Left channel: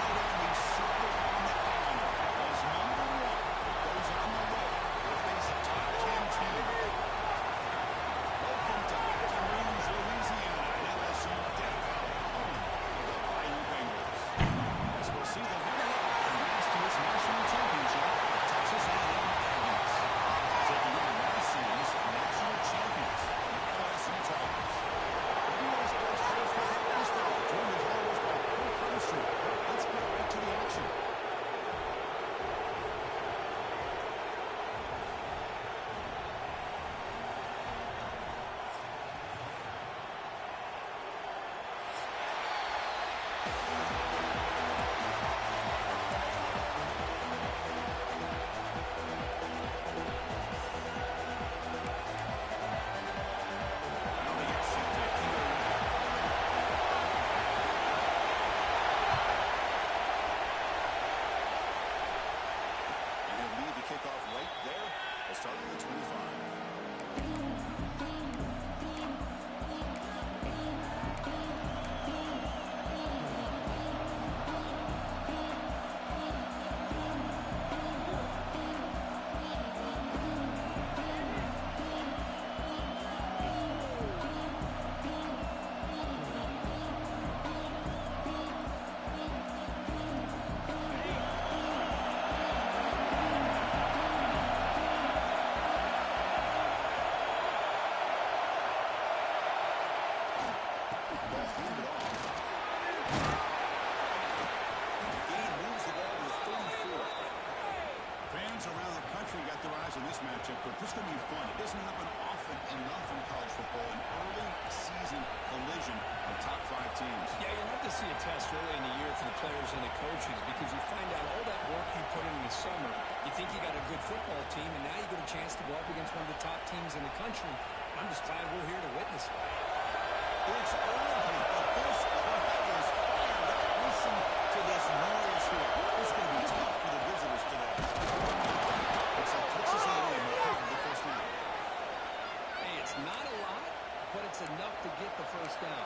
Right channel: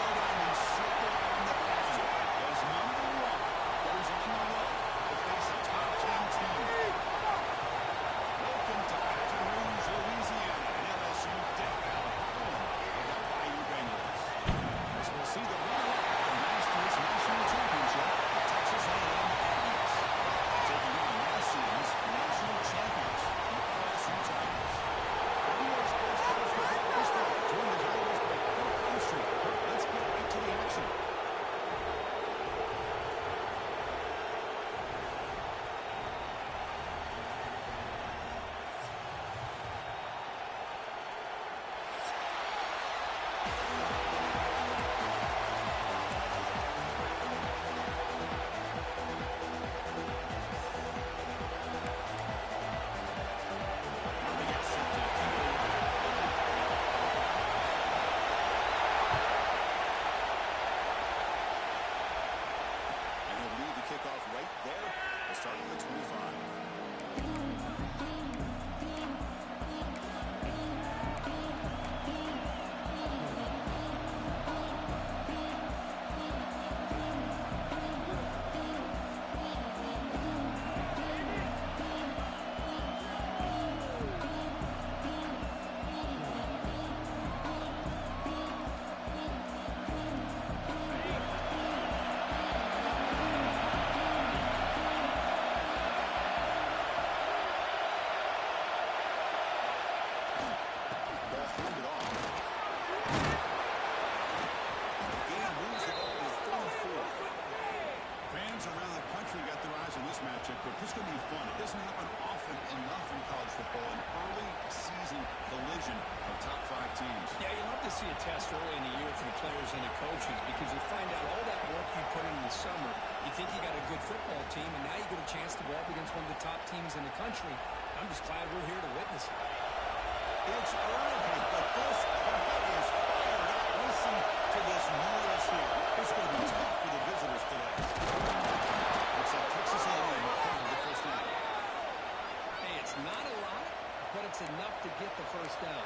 showdown we circle on the calendar as number one goes on the road to face a top 10 team. Welcome to Baton Rouge, Louisiana, and LSU Death Valley, home of the Bayou Bengals. As we'll see the runner-up from last year's national championship, the Texas A&M Aggies, taking on last season's national champions, the LSU Tigers. WA Sports College Football Baseball, joined as always by Kurt Armstrong. Let's get right to the action. Kickoff right there. We'll start on the 25. Around the country got their eyes on this matchup, but this is going to be fun. It doesn't happen often enough in college football, an early season collision of top 5 teams. Yeah, you love to see a test early in the year for the players and the coaches because you find out all that work you put in the summer. You think you got a good football team, and now you get a chance to go up against one of the top teams in the country. I'm just glad we're here to witness it. It's early, but this crowd is fired up. Listen to this noise here. It's going to be tough for the visitors today. Looks like Texas A&M will have the first down. Hey, it's not a lot, but it's enough to get the first down.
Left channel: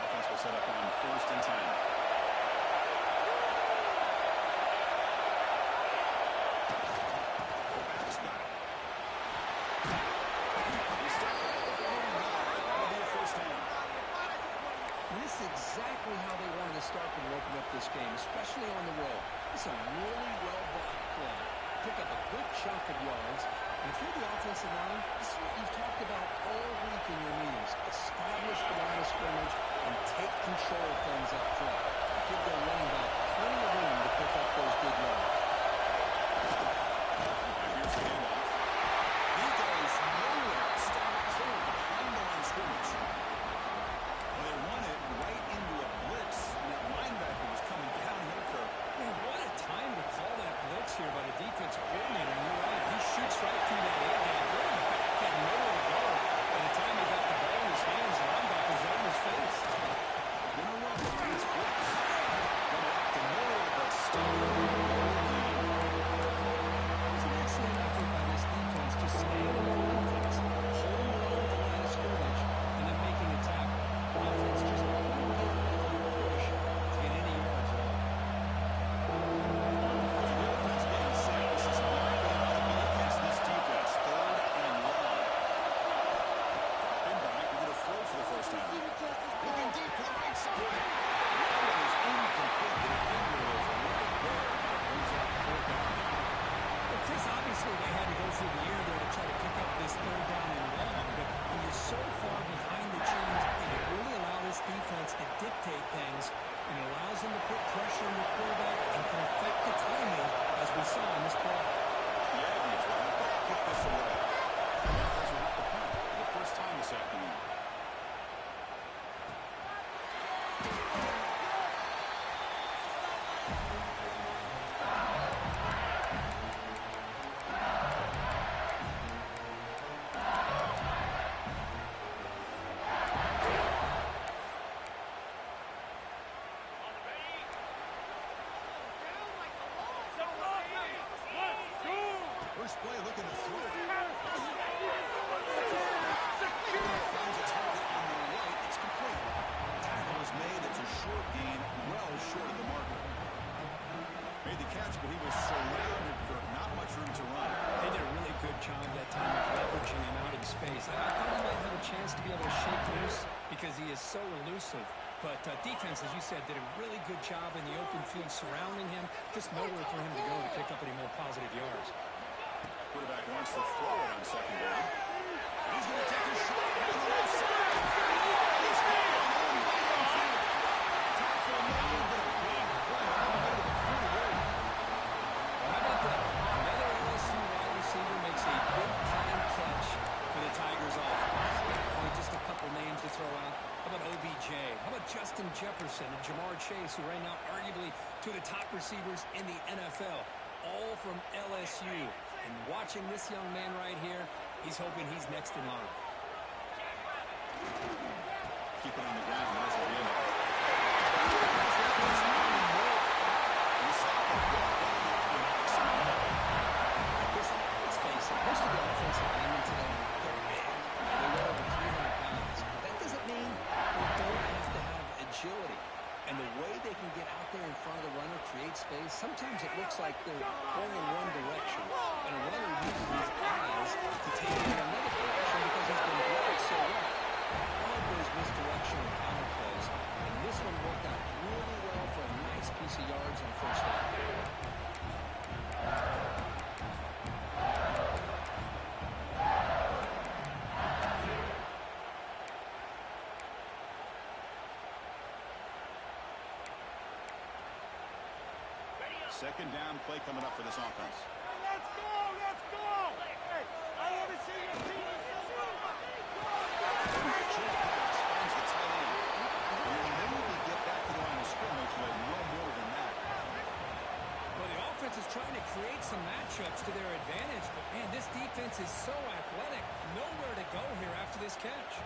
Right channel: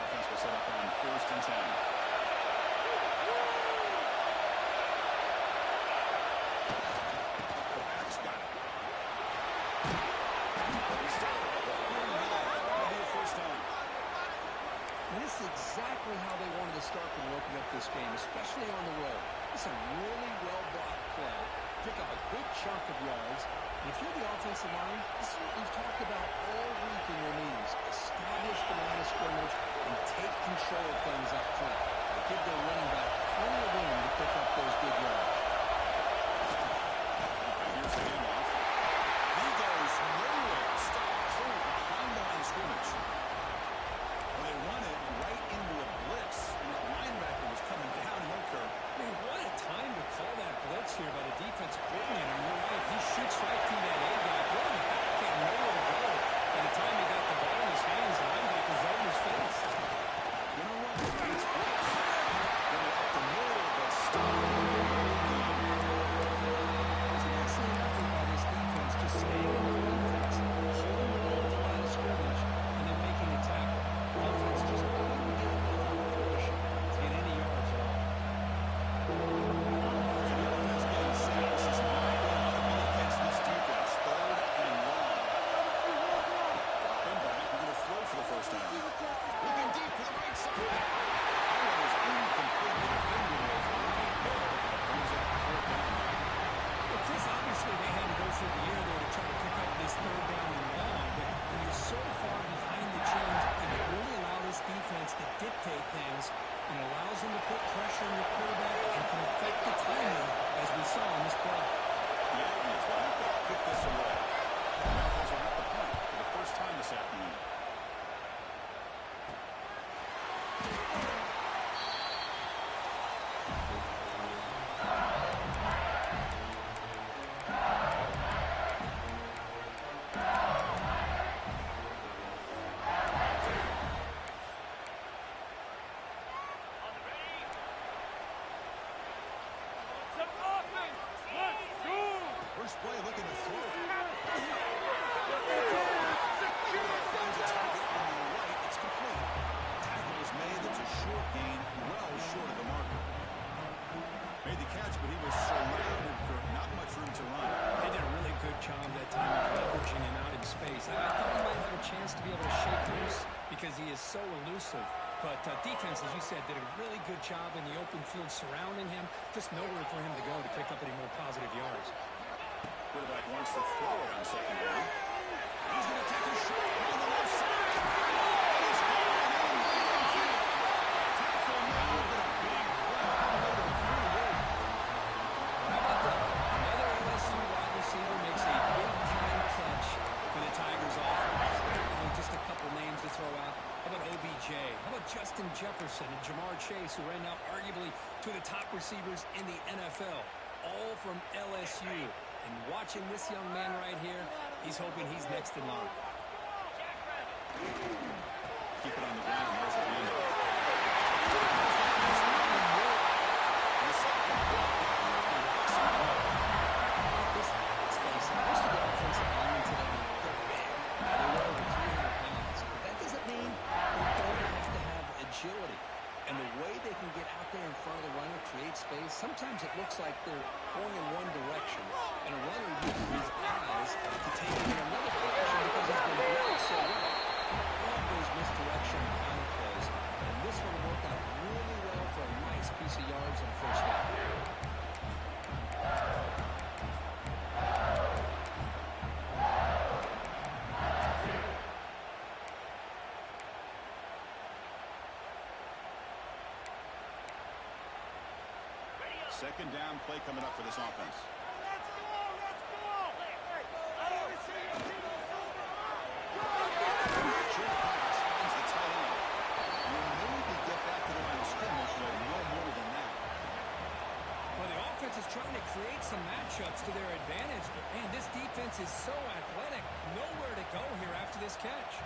Offense will set up on 1st and 10. This is exactly how they wanted to start when opening up this game, especially on the road. It's a really well-blocked play. Pick up a good chunk of yards. And if you're the offensive line, this is what you've talked about all week in your meetings. Establish the line of scrimmage and take control of things up front. And give their running back plenty of room to pick up those good yards. And here's the handoff. He goes nowhere. Stop cold behind the line of scrimmage. Well, they run it right into a blitz, and that linebacker was coming downhill, Kirk. Man, what a time to call that blitz here by the defensive coordinator. And you're right, he shoots right through that A-gap. Running back had nowhere to go. By the time he got the ball in his hands, the linebacker's right in his face. Gonna run it. It's blitz. Running up the middle, but still. It was an excellent effort by this defense, just staying in the run fence, holding their own at the line of scrimmage, and then making a tackle. Offense just couldn't get enough of a push to get any yards at all. So the offense getting set. This is not going to be against this defense. 3rd and long. Dropping back. We're going to throw for the first time. Looking deep to the right side. That one is incomplete. The defender was right there. And it brings up 4th down now. Well, Chris, obviously they had to go through the air there to try to pick up this 3rd down and long, but when you're so far behind the chains, it really allows this defense to dictate things, and it allows them to put pressure on the quarterback and can affect the timing, as we saw in this play. The Aggies will have to kick this away. The offense will have to punt for the first time this afternoon. First play looking to throw. Finds a target on the right. It's complete. Tackle is made. It's a short gain, well short of the marker. Made the catch, but he was surrounded for not much room to run. They did a really good job that time of leveraging him out in space. I thought he might have a chance to be able to shake loose because he is so elusive. But defense, as you said, did a really good job in the open field surrounding him. Just nowhere for him to go to pick up any more positive yards. Quarterback wants to throw it on second down. He's going to take a shot on the left side. He's going downfield. Tackle made, but a big play all the way to the 48. Well, how about that? Another LSU wide receiver makes a big-time catch for the Tigers offense. Only just a couple names to throw out. How about OBJ? How about Justin Jefferson and Jamar Chase, who right now arguably two of the top receivers in the NFL, all from LSU. And watching this young man right here, he's hoping he's next in line. Keep it on the ground. There's the handoff. Let's face it, most of the offensive linemen today, they're big. They weigh over 300 pounds. But that doesn't mean they don't have to have agility. And the way they can get out there in front of the runner, create space, sometimes it looks like they're going in one direction. And a runner uses his eyes to take it in another direction because he's been blocked so well. Love those misdirection counter plays. And this one worked out really well for a nice piece of yards and a first down. Second down play coming up for this offense. Let's go! Let's go! Hey, I want to see your team. Short pass finds the tight end. You maybe get back to the line of scrimmage, but no more than that. Well, the offense is trying to create some matchups to their advantage, but man, this defense is so athletic. Nowhere to go here after this catch.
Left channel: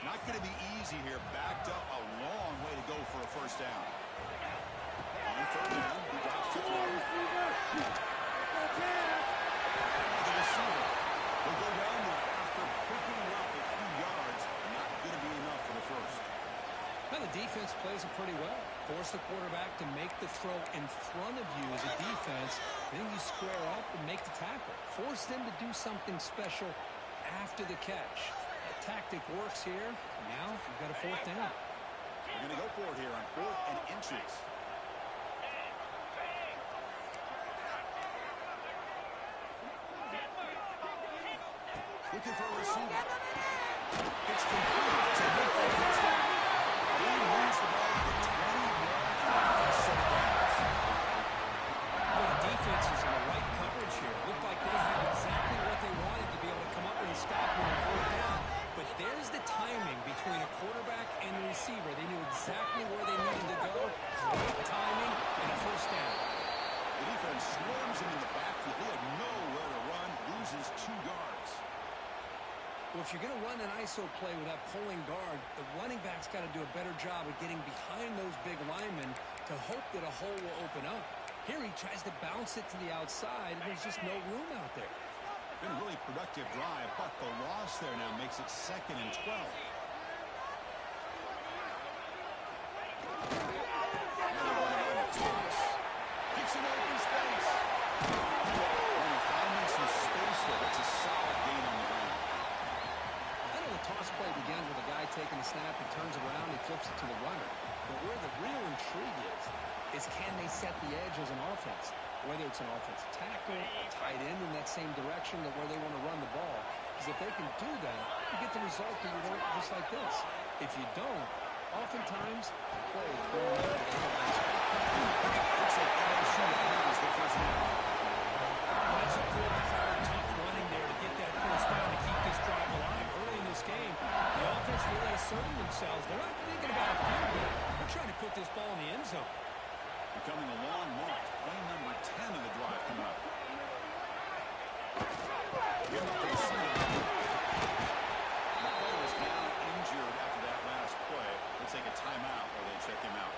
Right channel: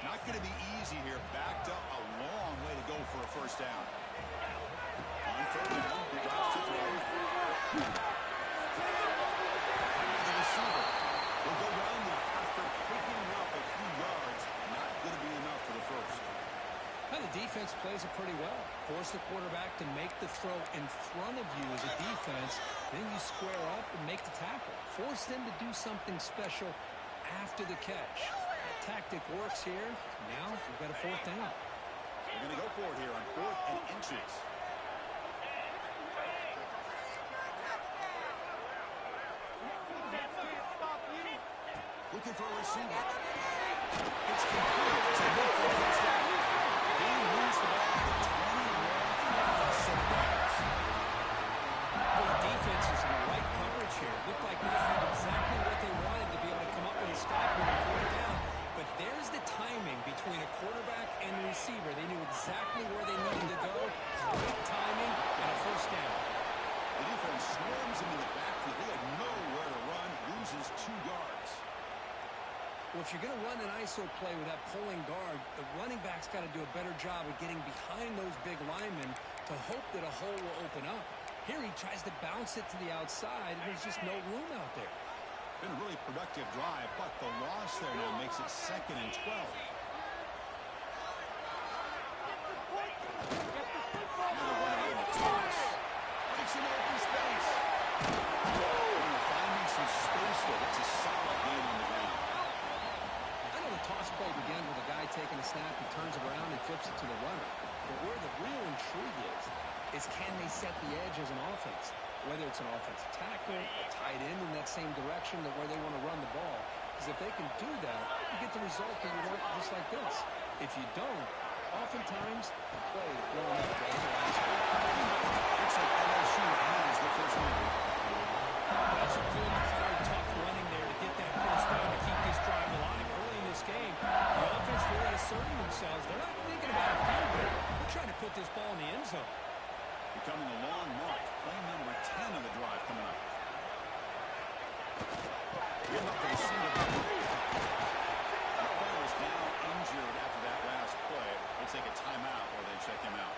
Not going to be easy here. Backed up a long way to go for a first down. On third down, he drops to throw. The receiver will go down there after picking up a few yards. Not going to be enough for the first. Now the defense plays it pretty well. Force the quarterback to make the throw in front of you as a defense. Then you square up and make the tackle. Force them to do something special after the catch. That tactic works here. Now we've got a fourth down. They're going to go for it here on 4th and inches. Looking for a receiver. It's complete. It's a good first down. They lose the ball to the 21 and the first set of downs. Well, the defense is in the right coverage here. Looked like they had exactly what they wanted to be able to come up with a stop on fourth down. But there's the timing between a quarterback and a receiver. They knew exactly where they needed to go. Great timing and a first down. The defense swarms him in the backfield. He had nowhere to run. Loses 2 yards. Well, if you're going to run an ISO play with that pulling guard, the running back's got to do a better job of getting behind those big linemen to hope that a hole will open up. Here he tries to bounce it to the outside, and there's just no room out there. Been a really productive drive, but the loss there now makes it 2nd and 12. Another one on the toss. Makes an open space. Finding some space there. That's a solid gain on the ground. I know the toss play begins with a guy taking a snap, he turns around, he flips it to the runner. But where the real intrigue is can they set the edge as an offense? Whether it's an offensive tackle, a tight end in that same direction that where they want to run the ball. Because if they can do that, you get the result that you want just like this. If you don't, oftentimes the play is blown up to the line spot. Looks like LSU has the first down. That's a good, hard, tough running there to get that first down to keep this drive alive. Early in this game, the offense really asserting themselves. They're not thinking about a field goal. They're trying to put this ball in the end zone. Becoming a long march. Play number 10 of the drive coming up. Give up a single. The player is now injured after that last play. Let's take a timeout while they check him out.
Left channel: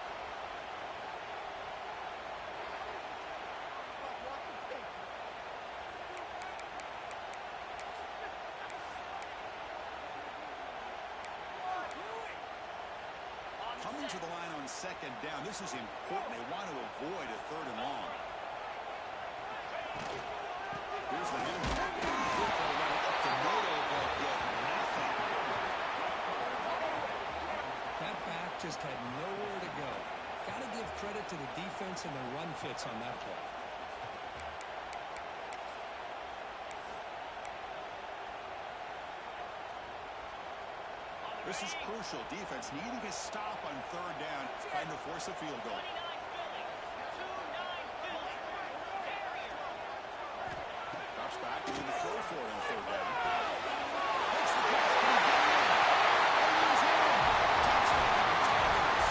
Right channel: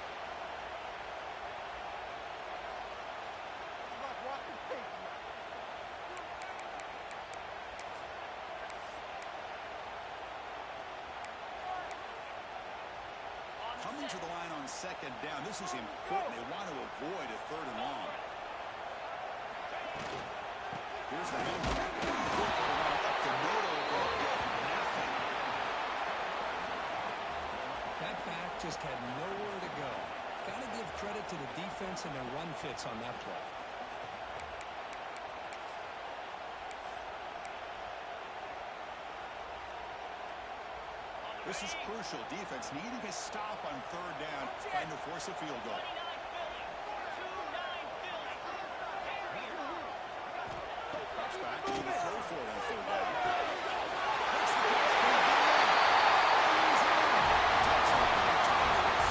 Coming to the line on second down. This is important. They want to avoid a third and long. Here's the handoff. Up to Noto, but yet nothing. That back just had nowhere to go. Got to give credit to the defense and their run fits on that play. This is crucial. Defense needing a stop on third down, trying to force a field goal. Drops back into the throw for it on third down. Takes the catch. Touchdown, Tigers.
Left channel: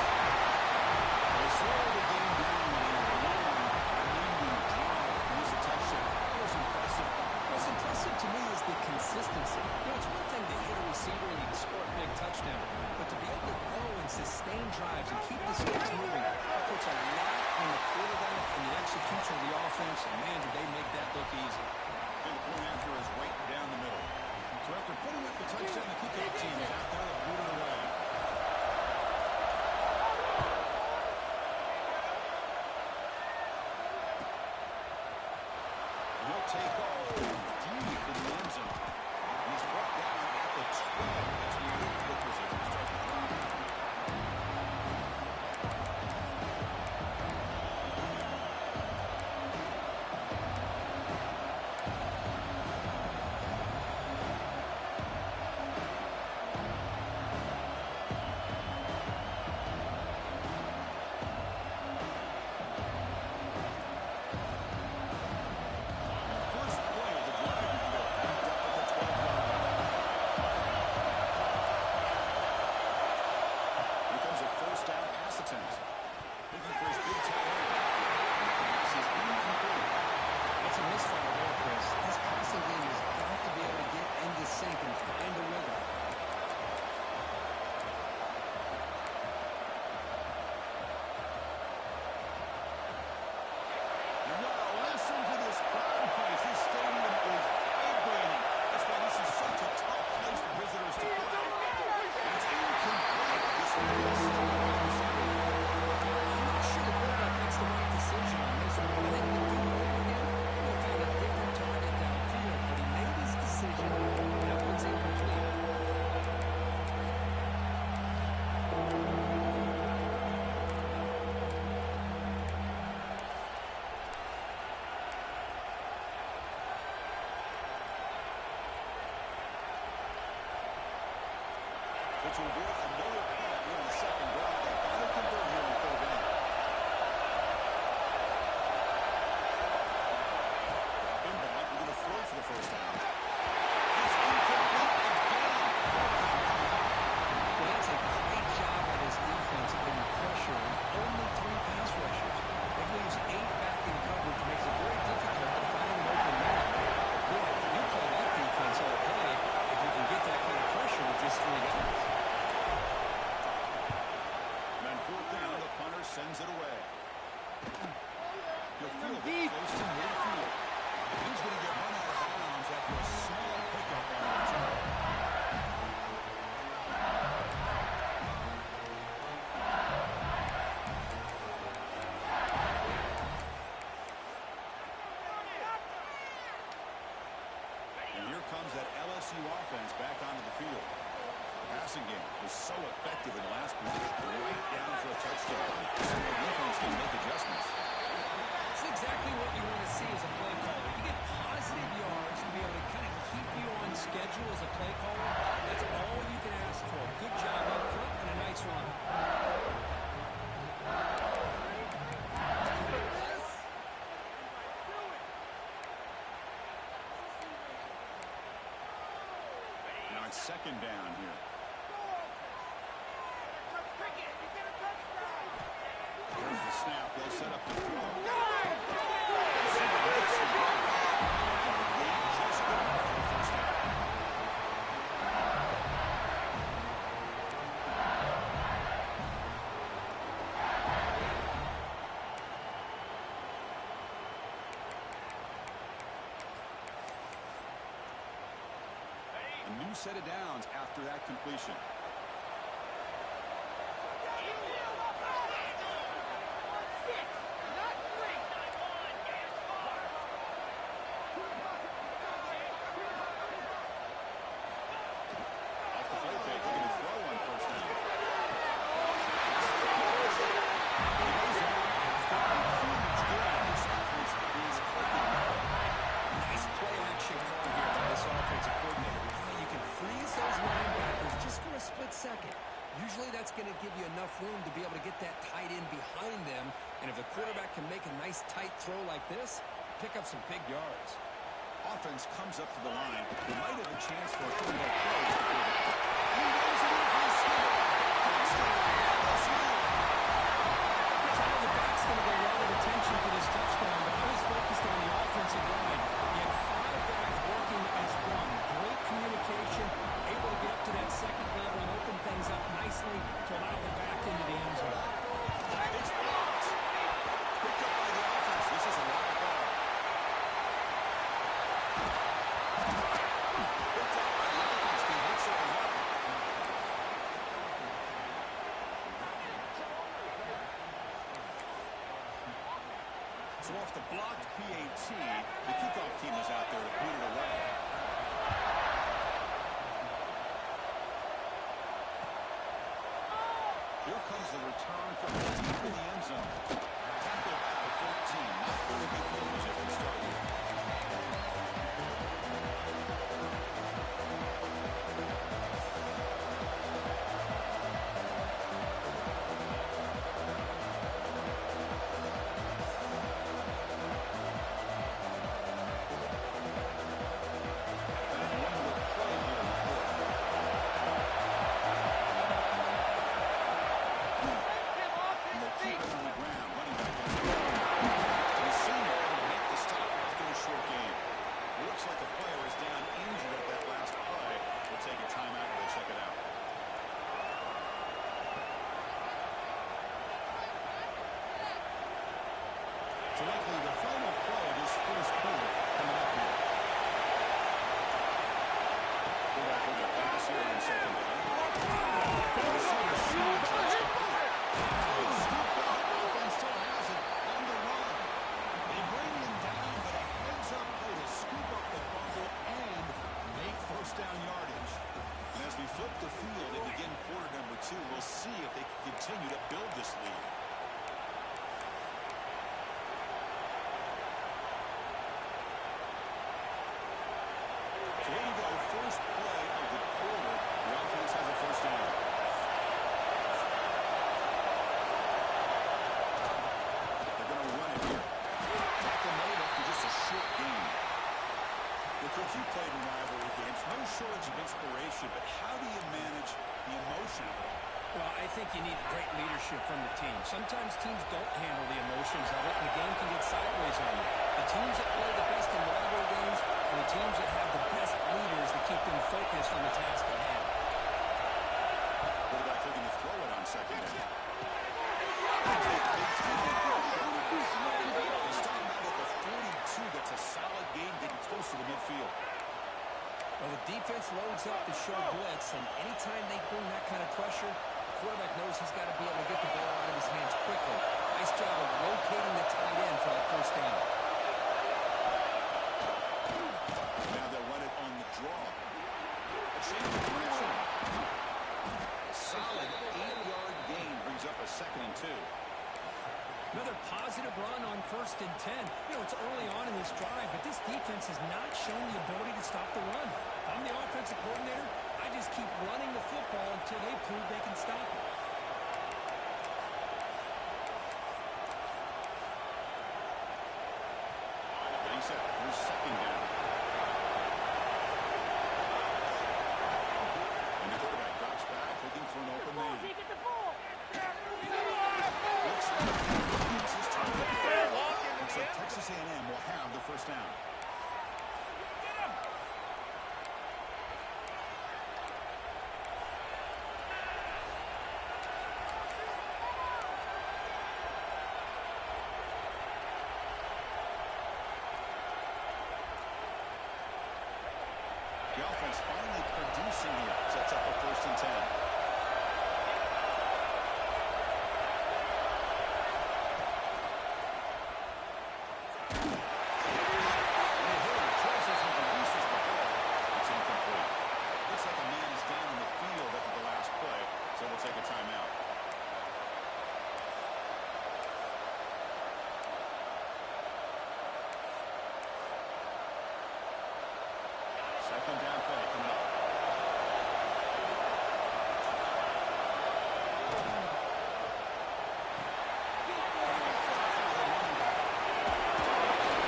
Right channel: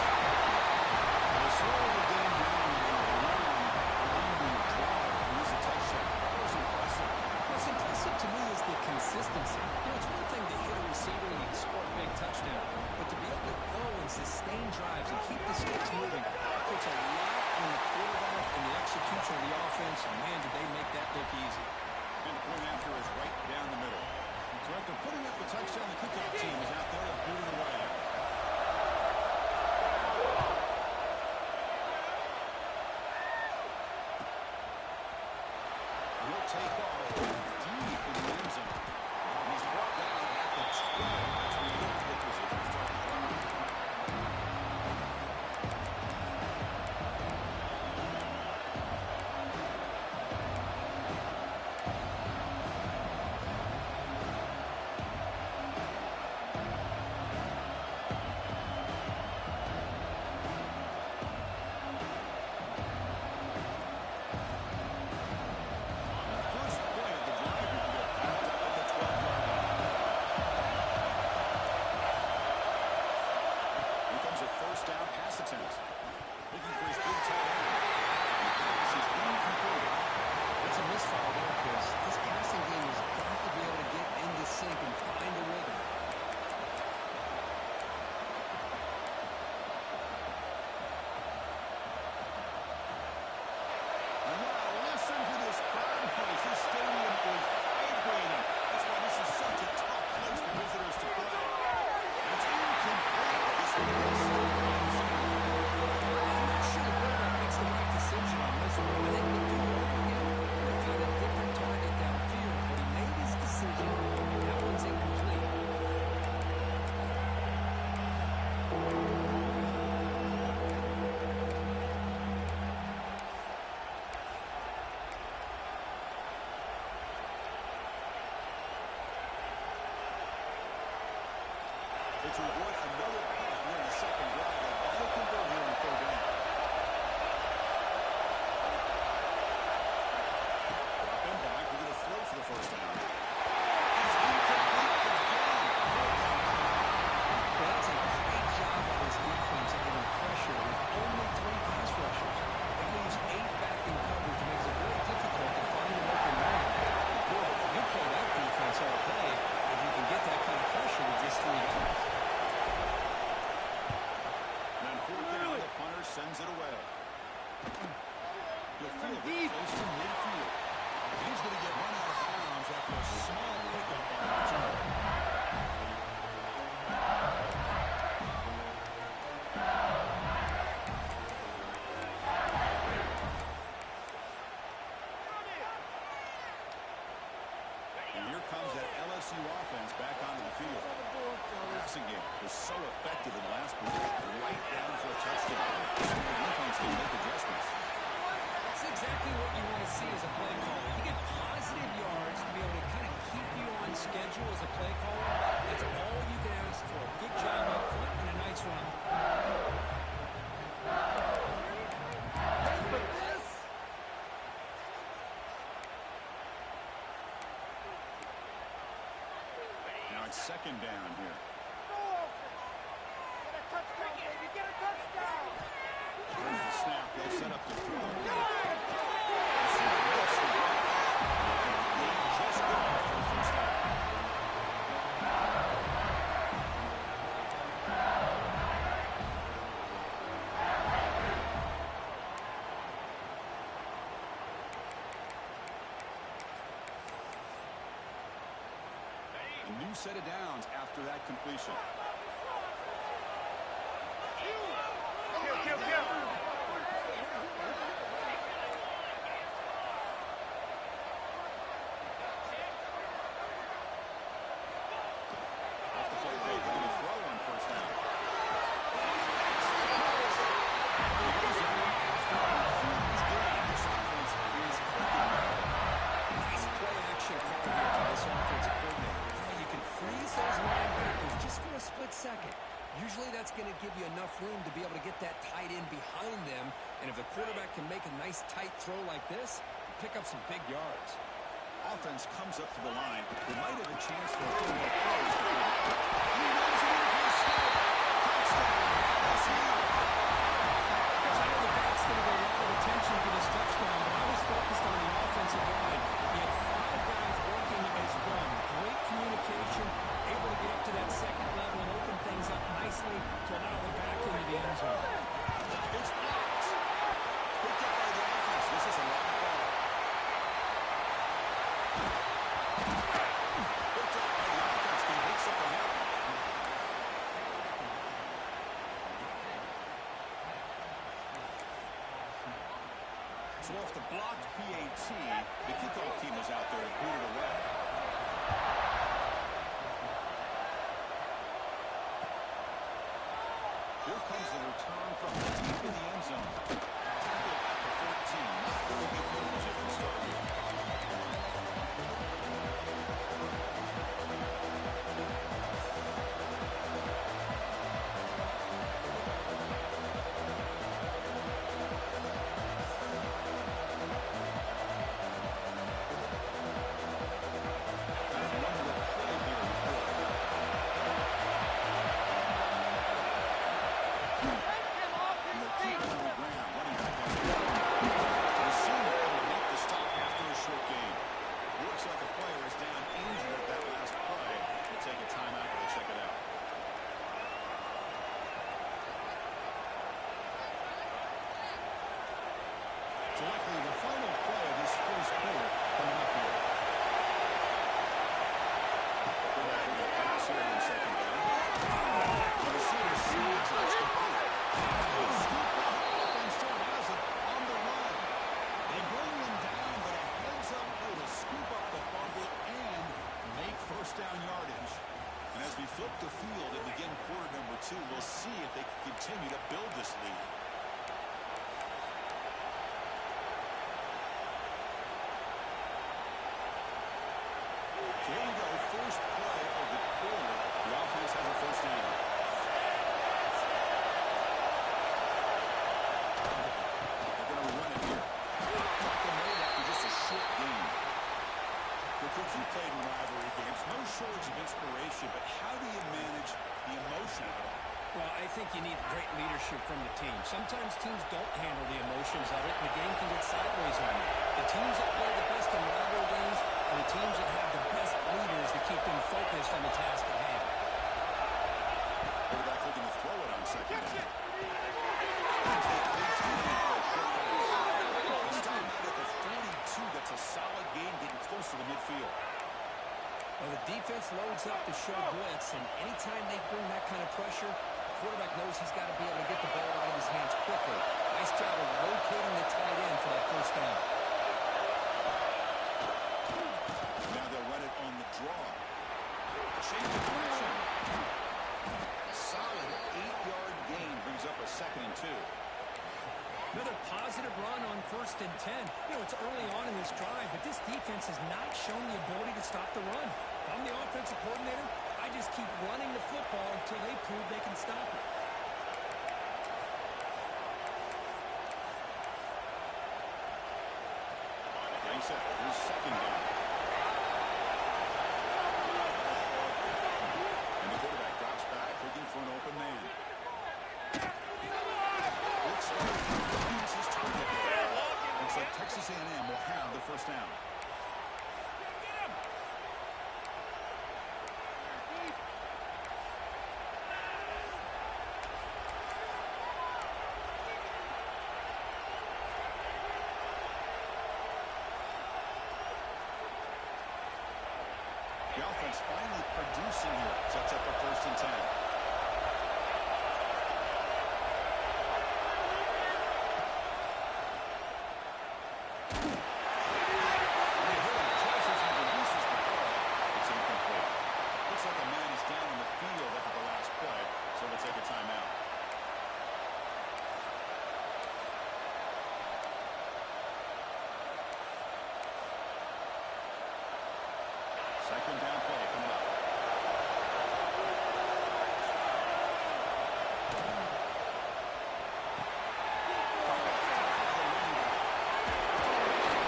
They slow the game down with a long, winding drive. Use a touchdown. That was impressive. What's impressive to me is the consistency. It's one thing to hit a receiver and he'd score a big touchdown, but to be able to go and sustain drives and keep the sticks moving puts a lot on the quarterback and the execution of the offense, and man, did they make that look easy. And the point after is right down the middle. So after putting up the touchdown, the kickoff team is out there to boot it away. He'll take off deep in the end zone. And he's brought down at the 12 as we move to the position to start the drive. To avoid another punt here in the second drive, they got to convert here on third down. Drop him back. We're going to throw for the first down. It's incomplete again. Fourth down. Well, that's a great job by this defense of getting pressure with only 3 pass rushers. It leaves 8 back in coverage. It makes it very difficult to find an open man. But boy, you play that defense all day if you can get that kind of pressure with just 3 guys. Fourth down, the punter sends it away. He'll field it close to midfield. He's going to get run out of bounds after a small pickup on the return. And here comes that LSU offense back onto the field. The passing game was so effective in the last position, right down for a touchdown. So the defense can make adjustments. That's exactly what you want to see as a play caller. You get positive yards to be able to kind of keep you on schedule as a play caller. That's all you can ask for. Good job up front and a nice run. Now it's second down here. Here's the snap. They'll set up the throw. And the game just set of downs after that completion. Off the play fake, looking to throw on first down. He goes down after a huge gain. This offense is clicking. Nice play action call here by this offensive coordinator. Well, you can freeze those linebackers just for a split second. Usually that's going to give you enough room to be able to get that tight end behind them. And if the quarterback can make a nice tight throw like this, pick up some big yards. Offense comes up to the line. They might have a chance for a few more plays before the kick. He runs it in for the score. Touchdown, LSU. I know the back's going to get a lot of attention for this touchdown, but I was focused on the offensive line. He had 5 guys working his run. Great communication, able to get up to that second level and open things up nicely to allow the back into the end zone. It's blocked. Picked up by the offense. This is a live ball. Picked up by the offense. Can make something happen. So off the blocked PAT, the kickoff team is out there to boot it away. Here comes the return from deep in the end zone. Tackled at the 14. Not very good field position to start here. Looks like a player is down injured at that last play. We'll take a timeout while they check it out. So likely the final play of this first quarter coming up here. We're back with a pass here in second down. The receiver sees it's complete. Scoop up. Offense still has it on the run. They bring him down, but a heads-up play to scoop up the fumble and make first down yardage. And as we flip the field and begin quarter number 2, we'll see if they can continue to build this lead. So here we go, first play of the quarter. The offense has a first down. They're going to run it here. Tackle made after just a short game. Cook, you played in rivalry games. No shortage of inspiration, but how do you manage the emotion of it all? Well, I think you need great leadership from the team. Sometimes teams don't handle the emotions of it, and the game can get sideways on you. The teams that play the best in rivalry games are the teams that have the best leaders to keep them focused on the task at hand. Quarterback looking to throw it on second down. Stop out at the 42. That's a solid gain getting close to the midfield. Well, the defense loads up to show blitz, and anytime they bring that kind of pressure, the quarterback knows he's got to be able to get the ball out of his hands quickly. Nice job of locating the tight end for that first down. Now they'll run it on the draw. A change of direction. A solid 8-yard gain brings up a 2nd and 2. Another positive run on 1st and 10. You know, it's early on in this drive, but this defense has not shown the ability to stop the run. If I'm the offensive coordinator, I just keep running the football until they prove they can stop it. Getting set. Here's second down. And the quarterback drops back, looking for an open man. Looks like Texas A&M will have the first down. The offense finally producing here. Sets up a 1st and 10. Looks like a man is down in the field after the last play, so we'll take a timeout. Second down play coming up.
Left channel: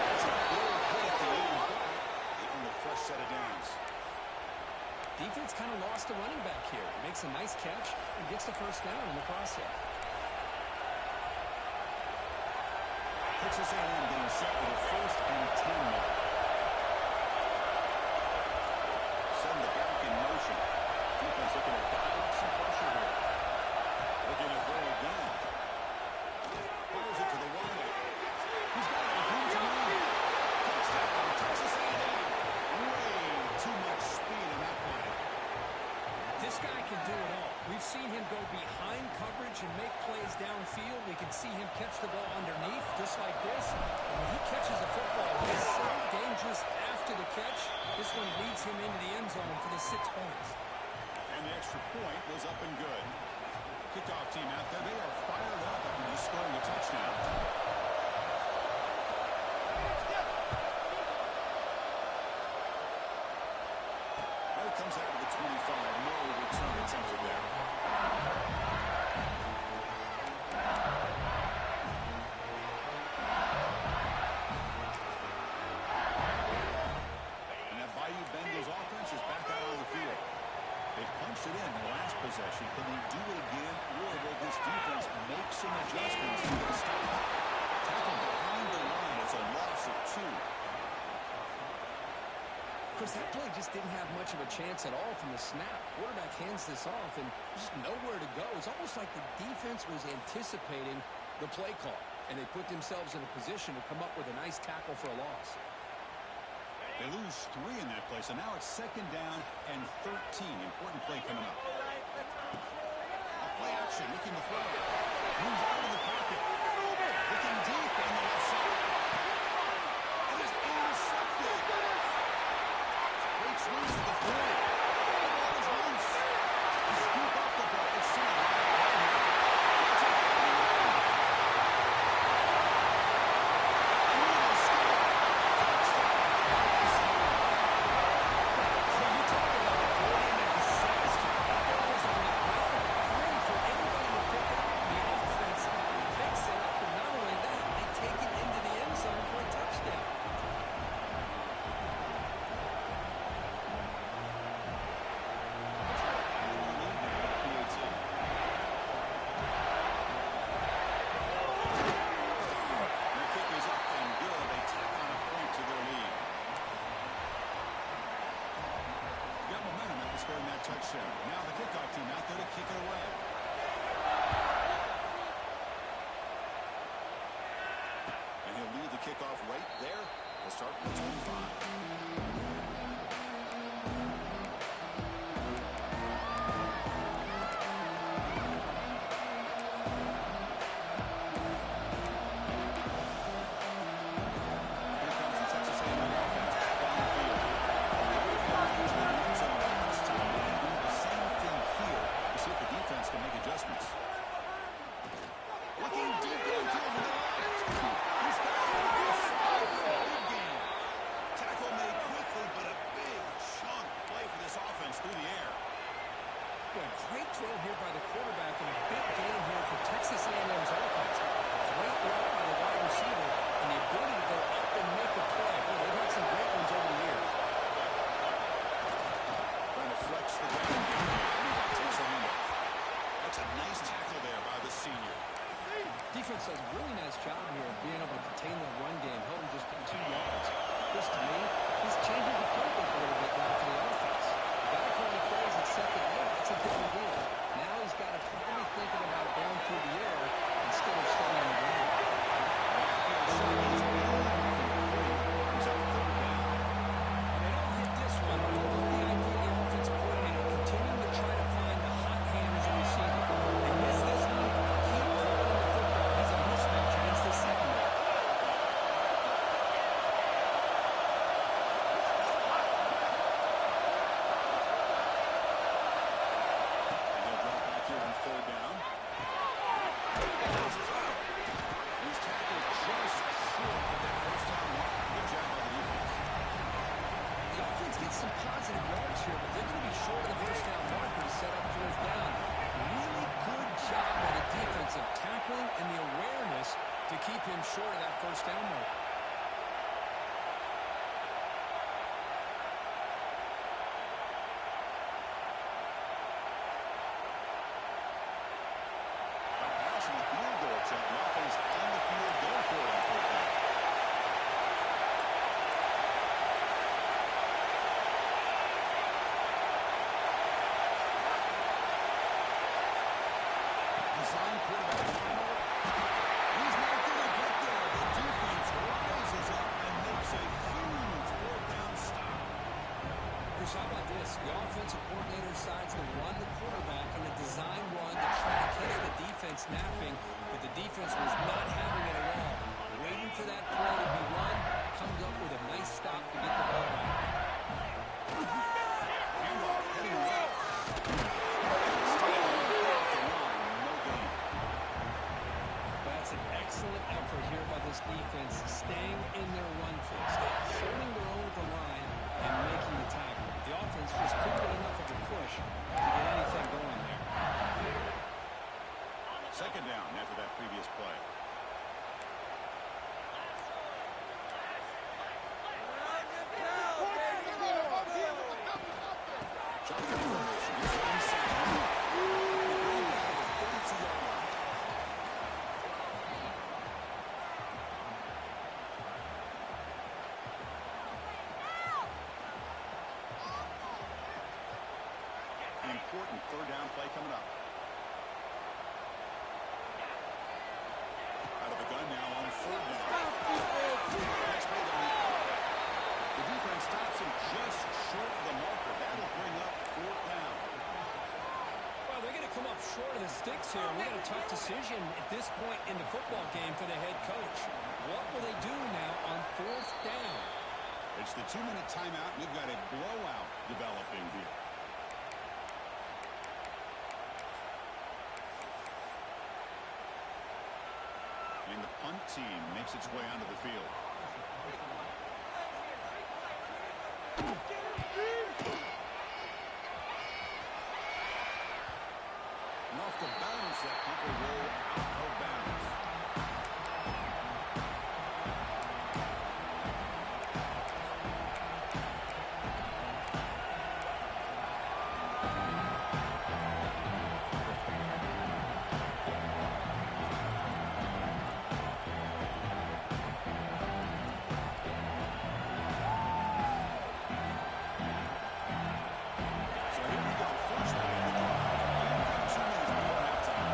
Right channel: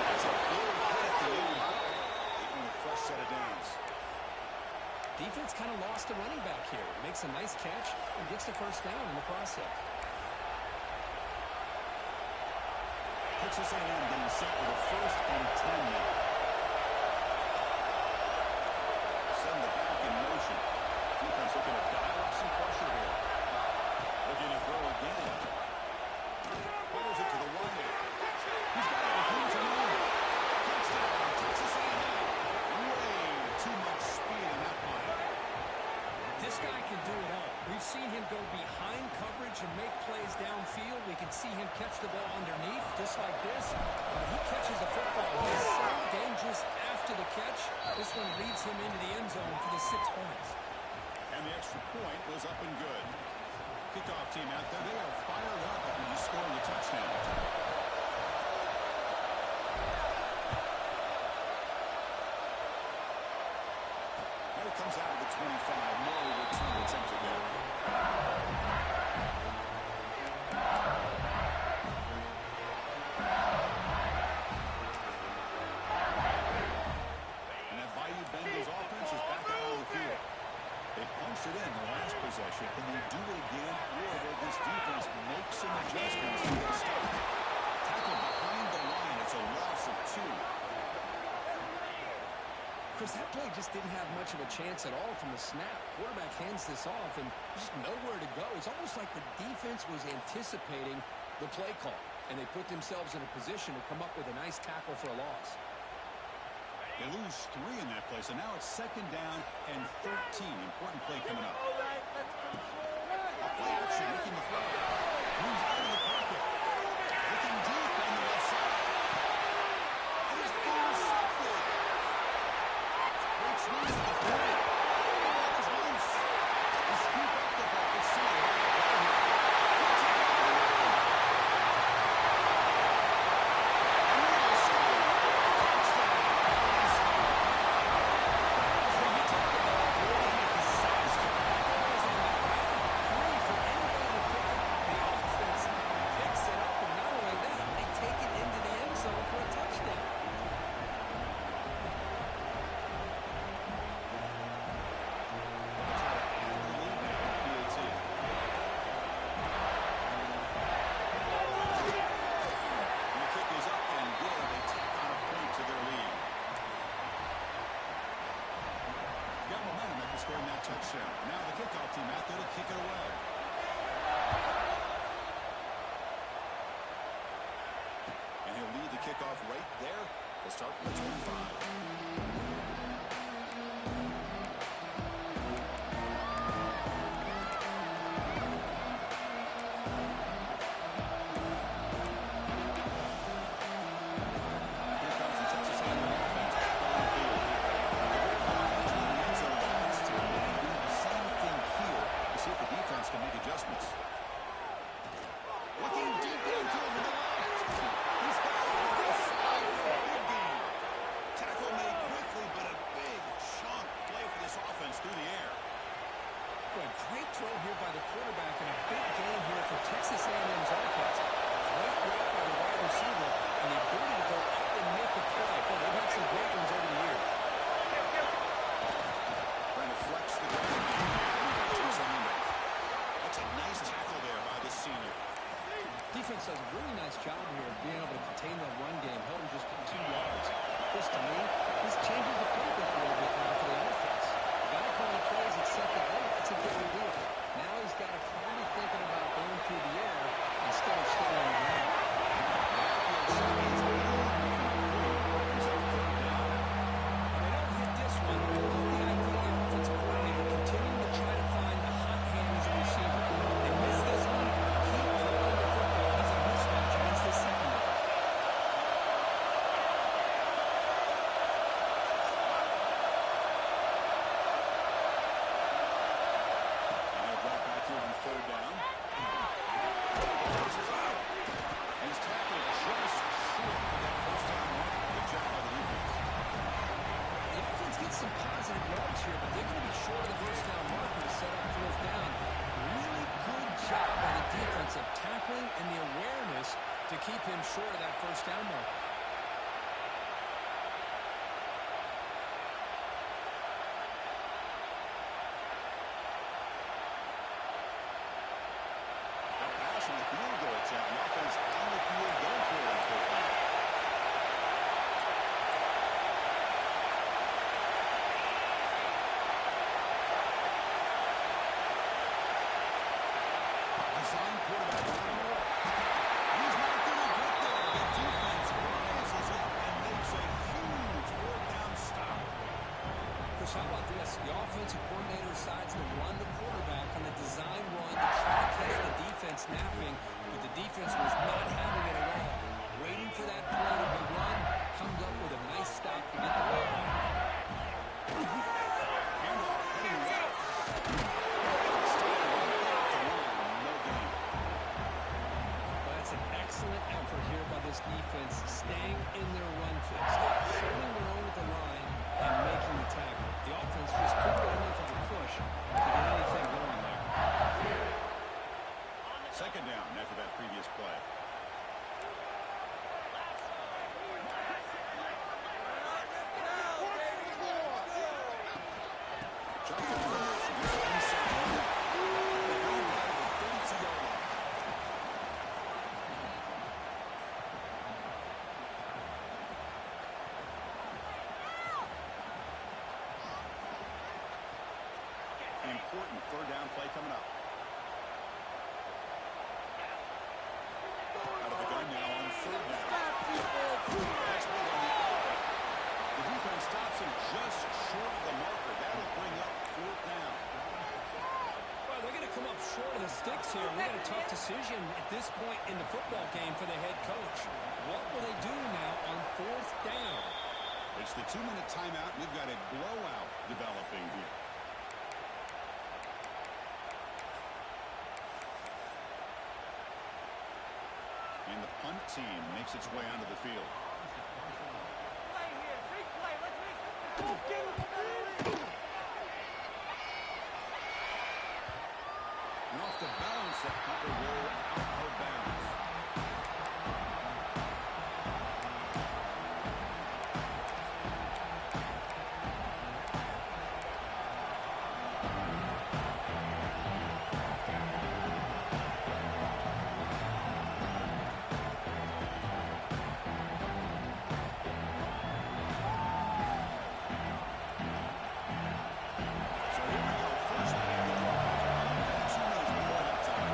That's a big hit at the end. They earn a fresh set of downs. Defense kind of lost a running back here. Makes a nice catch and gets the 1st down in the process. Texas A&M getting set for the 1st and 10 now. Send the back in motion. Defense looking to dial up some pressure here. Looking to throw again. Fires it to the right. He's got it. He's on. Touchdown, Texas A&M. Way too much speed in that play. This guy can do it all. We've seen him go behind coverage and make plays downfield. We can see him catch the ball underneath, just like this. And when he catches a football, he's so dangerous after the catch. This one leads him into the end zone for the 6 points. And the extra point was up and good. Kickoff team out there, they are fired up after just scoring a touchdown. Comes out of the 25. No return attempted there. And that Bayou Bengals offense is back out on the field. They punched it in the last possession. Can they do it again, or will this defense make some adjustments to get a stop? Tackle behind the line. It's a loss of 2. Chris, that play just didn't have much of a chance at all from the snap. Quarterback hands this off, and just nowhere to go. It's almost like the defense was anticipating the play call, and they put themselves in a position to come up with a nice tackle for a loss. They lose 3 in that play, so now it's 2nd down and 13. Important play coming up. A play action, looking to throw. Moves out of the pocket. Looking deep on the left side. And it's intercepted. Breaks loose to the 40. The ball is loose. They scoop up the ball. It's still right here. He'll take it on the run. And we will score. Touchdown. So you talk about avoiding a disaster. That ball is on the ground, free for anybody to pick up. The offense picks it up, and not only that, they take it into the end zone for a touchdown. Scoring that touchdown. Now the kickoff team out there to kick it away. And he'll lead the kickoff right there. We'll start with 25. Can make adjustments. Looking deep downfield to the left. He's got it. Big game. Tackle made quickly, but a big chunk play for this offense through the air. Boy, great throw here by the quarterback and a big gain here for Texas A&M's offense. Great route by the wide receiver and the ability to go up and make a play. Boy, they've had some great ones over the years. Trying to flex the ground game here. Takes the handoff. That's a nice tackle there by the senior. Defense does a really nice job here of being able to contain that run game, held him just 2 yards. This, to me, this changes the playbook a little bit now for the offense. The guy calling plays at 2nd and 8, that's a different deal. Now he's got to probably thinking about going through the air instead of staying on the ground. He's up 3rd down. Well, they don't hit this one, but I love the positive yards here, but they're going to be short of the first down marker to set up fourth down. Really good job by the defense of tackling and the awareness to keep him short of that first down marker. A pass in the field goal attempt. The offense on the field going for it on fourth down. Design quarterback. He's not going to get there. The defense rises up and makes a huge fourth down stop. Chris, how about this? The offensive coordinator decides to run the quarterback on a design run to try to catch the defense napping, but the defense was not having it at all. Waiting for that play to be run, comes up with a nice stop to get the ball back. Handoff heading left. Staying right off the line. No gain. But that's an excellent effort here by this defense, staying in their run fix, holding their own at the line and making the tackle. The offense just couldn't get enough of a push to get anything going there. Second down after that previous play. Shotgun formation. Here's inside. They're going down to the 32-yard line. An important third down play coming up. Out of the gun now on third down. Pass made on the outlet. The defense stops him just short of the marker. That'll bring up fourth down. Well, they're going to come up short of the sticks here. We got a tough decision at this point in the football game for the head coach. What will they do now on fourth down? It's the 2-minute timeout. We've got a blowout developing here. And the punt team makes its way onto the field. And off the bounce, that punt will roll out of bounds. So here we go. First play of the drive. 2 minutes before halftime.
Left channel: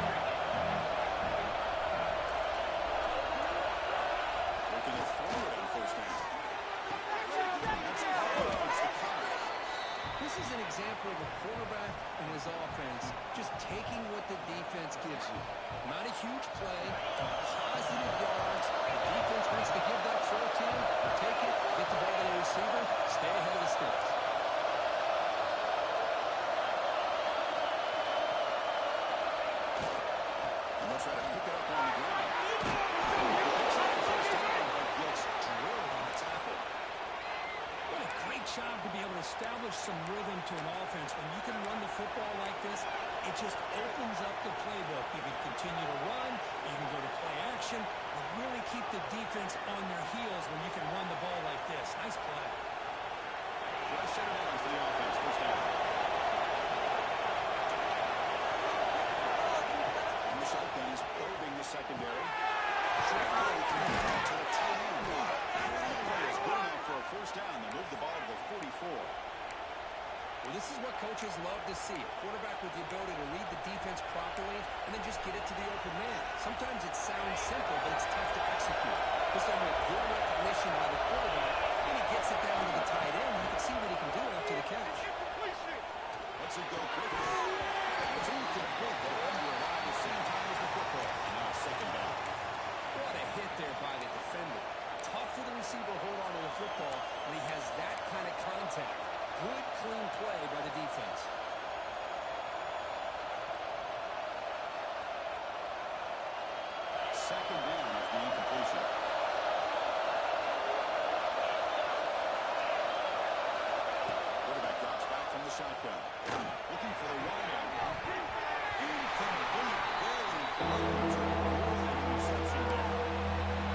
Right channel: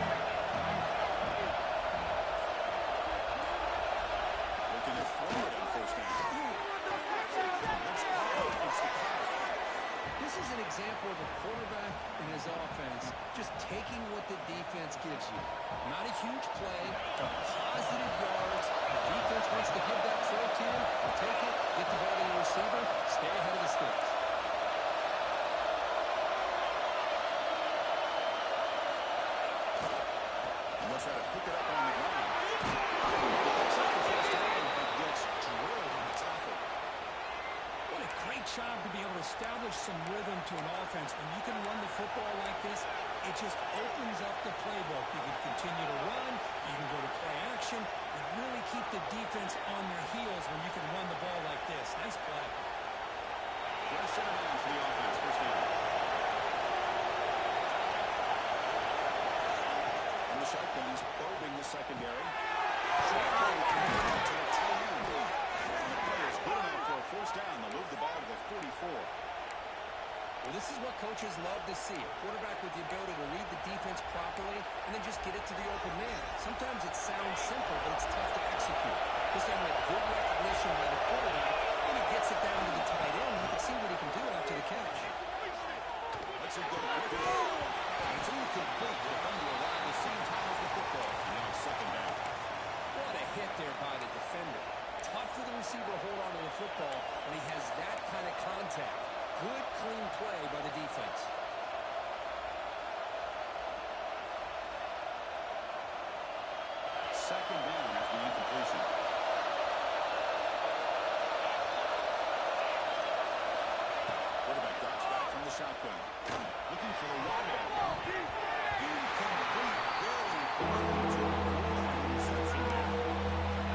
Looking to throw it on first down. That's Cowboy. It's the Cow. This is an example of a quarterback and his offense just taking what the defense gives you. Not a huge play, but positive yards. The defense wants to give that throw to you. You take it, get the ball to the receiver, stay ahead of the sticks. And they'll try to pick it up on the ground. He picks up the first down, but gets drilled on the tackle. What a great job to be able to establish some rhythm to an offense. When you can run the football like this, it just opens up the playbook. You can continue to run, you can go to play action, and really keep the defense on their heels when you can run the ball like this. Nice play. Fresh set of downs for the offense. First down. On the shotgun, he's probing the secondary. Short throw to the tight end. And the play is good enough for a first down. They'll move the ball to the 44. Well, this is what coaches love to see. A quarterback with the ability to read the defense properly and then just get it to the open man. Sometimes it sounds simple, but it's tough to execute. This time with good recognition by the quarterback, and he gets it down to the tight end. You can see what he can do after the catch. Lets it go quickly. It's incomplete. The defender arrived the same time as the football. And now it's second down. What a hit there by the defender. Tough for the receiver to hold on to the football when he has that kind of contact. Good, clean play by the defense. Second down after the incompletion. Quarterback drops shotgun. Looking for the wide end. Incomplete. Very hard to avoid an interception there.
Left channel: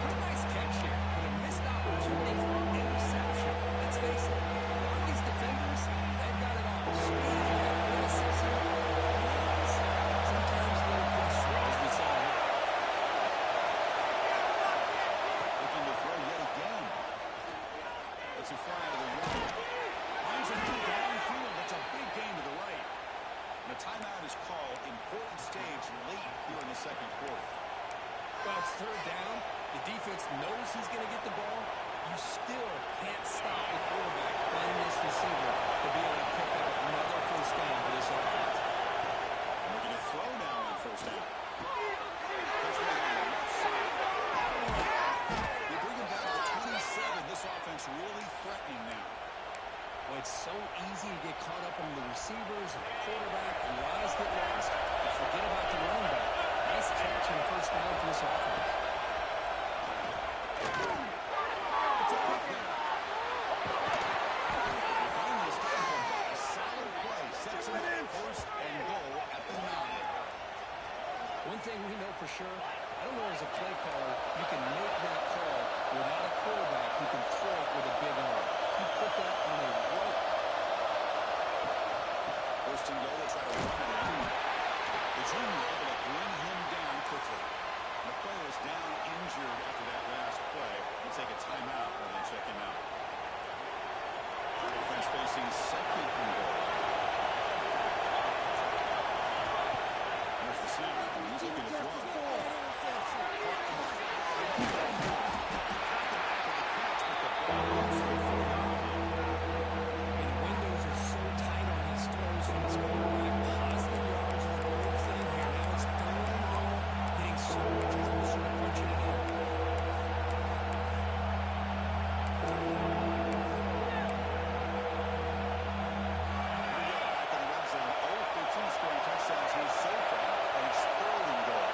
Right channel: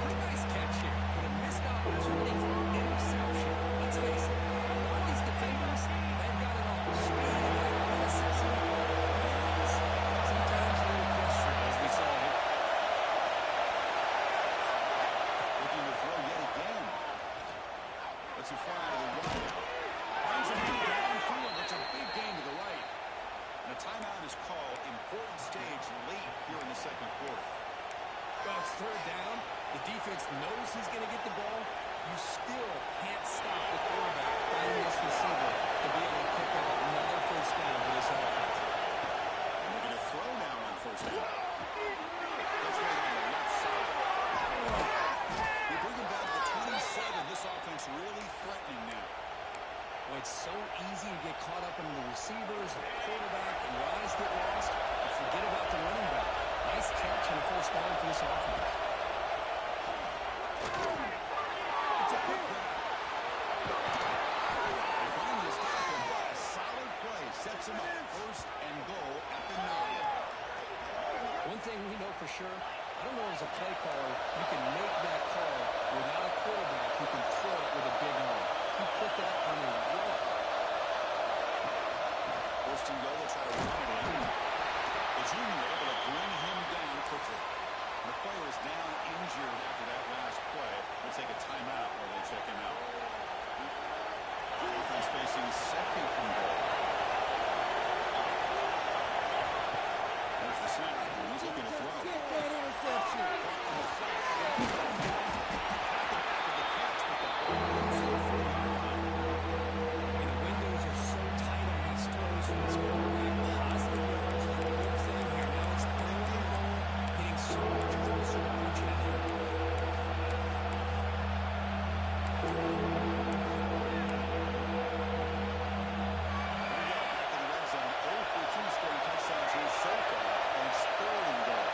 Pretty nice catch here, but a missed opportunity for an interception. Let's face it, a lot of these defenders, they've got it all. Speed, athleticism, hands, sometimes a little pressure, as we saw here. Looking to throw yet again. Let's it fly to the right. Finds a man downfield. That's a big gain to the right. And a timeout is called. Important stage late here in the second quarter. Well, it's third down. The defense knows he's going to get the ball. You still can't stop the quarterback finding this receiver to be able to pick up another first down for this offense. And we're going to throw now on first down. That's right on the left side. They bring him down to the 27. This offense really threatening now. Well, it's so easy to get caught up in the receivers and the quarterback, and your eyes get lost. You forget about the running back. Nice catch and a first down for this offense. It's a quick grab. They finally stop him, but a solid play sets him up first and goal at the 9. One thing we know for sure, I don't know as a play caller, you can make that call without a quarterback who can throw it with a big arm. You put that on a rope. First and goal, they'll try to run it in. The junior able to bring him down quickly. And the player is down injured after that last play. We'll take a timeout rather than check him out. Offense facing second and goal. There's the snap. He's looking to throw. Caught in the flat. Tackled after the catch, but the ball goes to the 4-yard line. And the windows are so tight on these throws from this quarterback. Positive yards is a big thing here. Now it's third and goal, getting so much closer to punching it in. Here we go, back in the red zone. 0 for 2 scoring touchdowns here so far, and it's third and goal.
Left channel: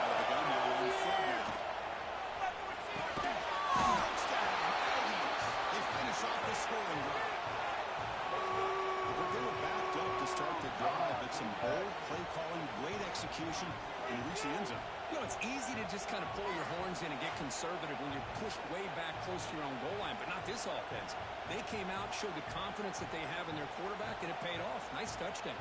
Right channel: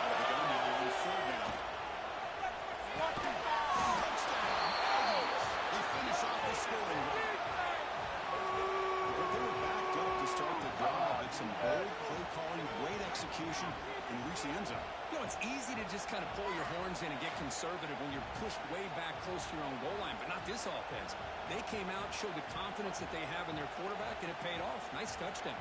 Out of the gun now on third down. Touchdown, Aggies. They finish off the scoring run. But they were backed up to start the drive, but some bold play calling, great execution, and reach the end zone. You know, it's easy to just kind of pull your horns in and get conservative when you're pushed way back close to your own goal line, but not this offense. They came out, showed the confidence that they have in their quarterback, and it paid off. Nice touchdown.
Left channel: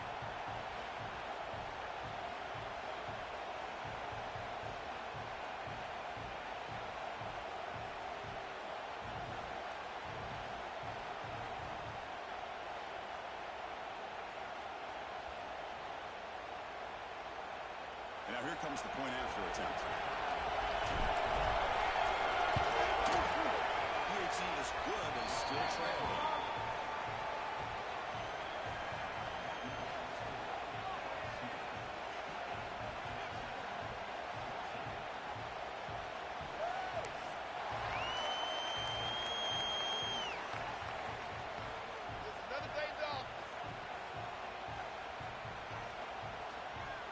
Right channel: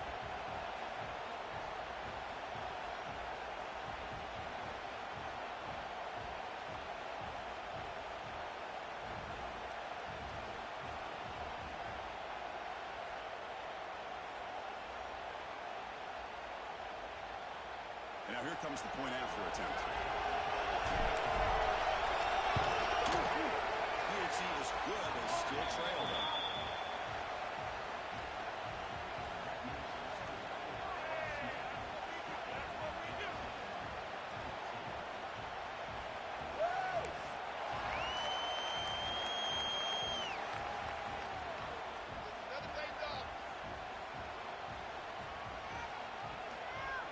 And now here comes the point after attempt. UHC is good, they still trail them.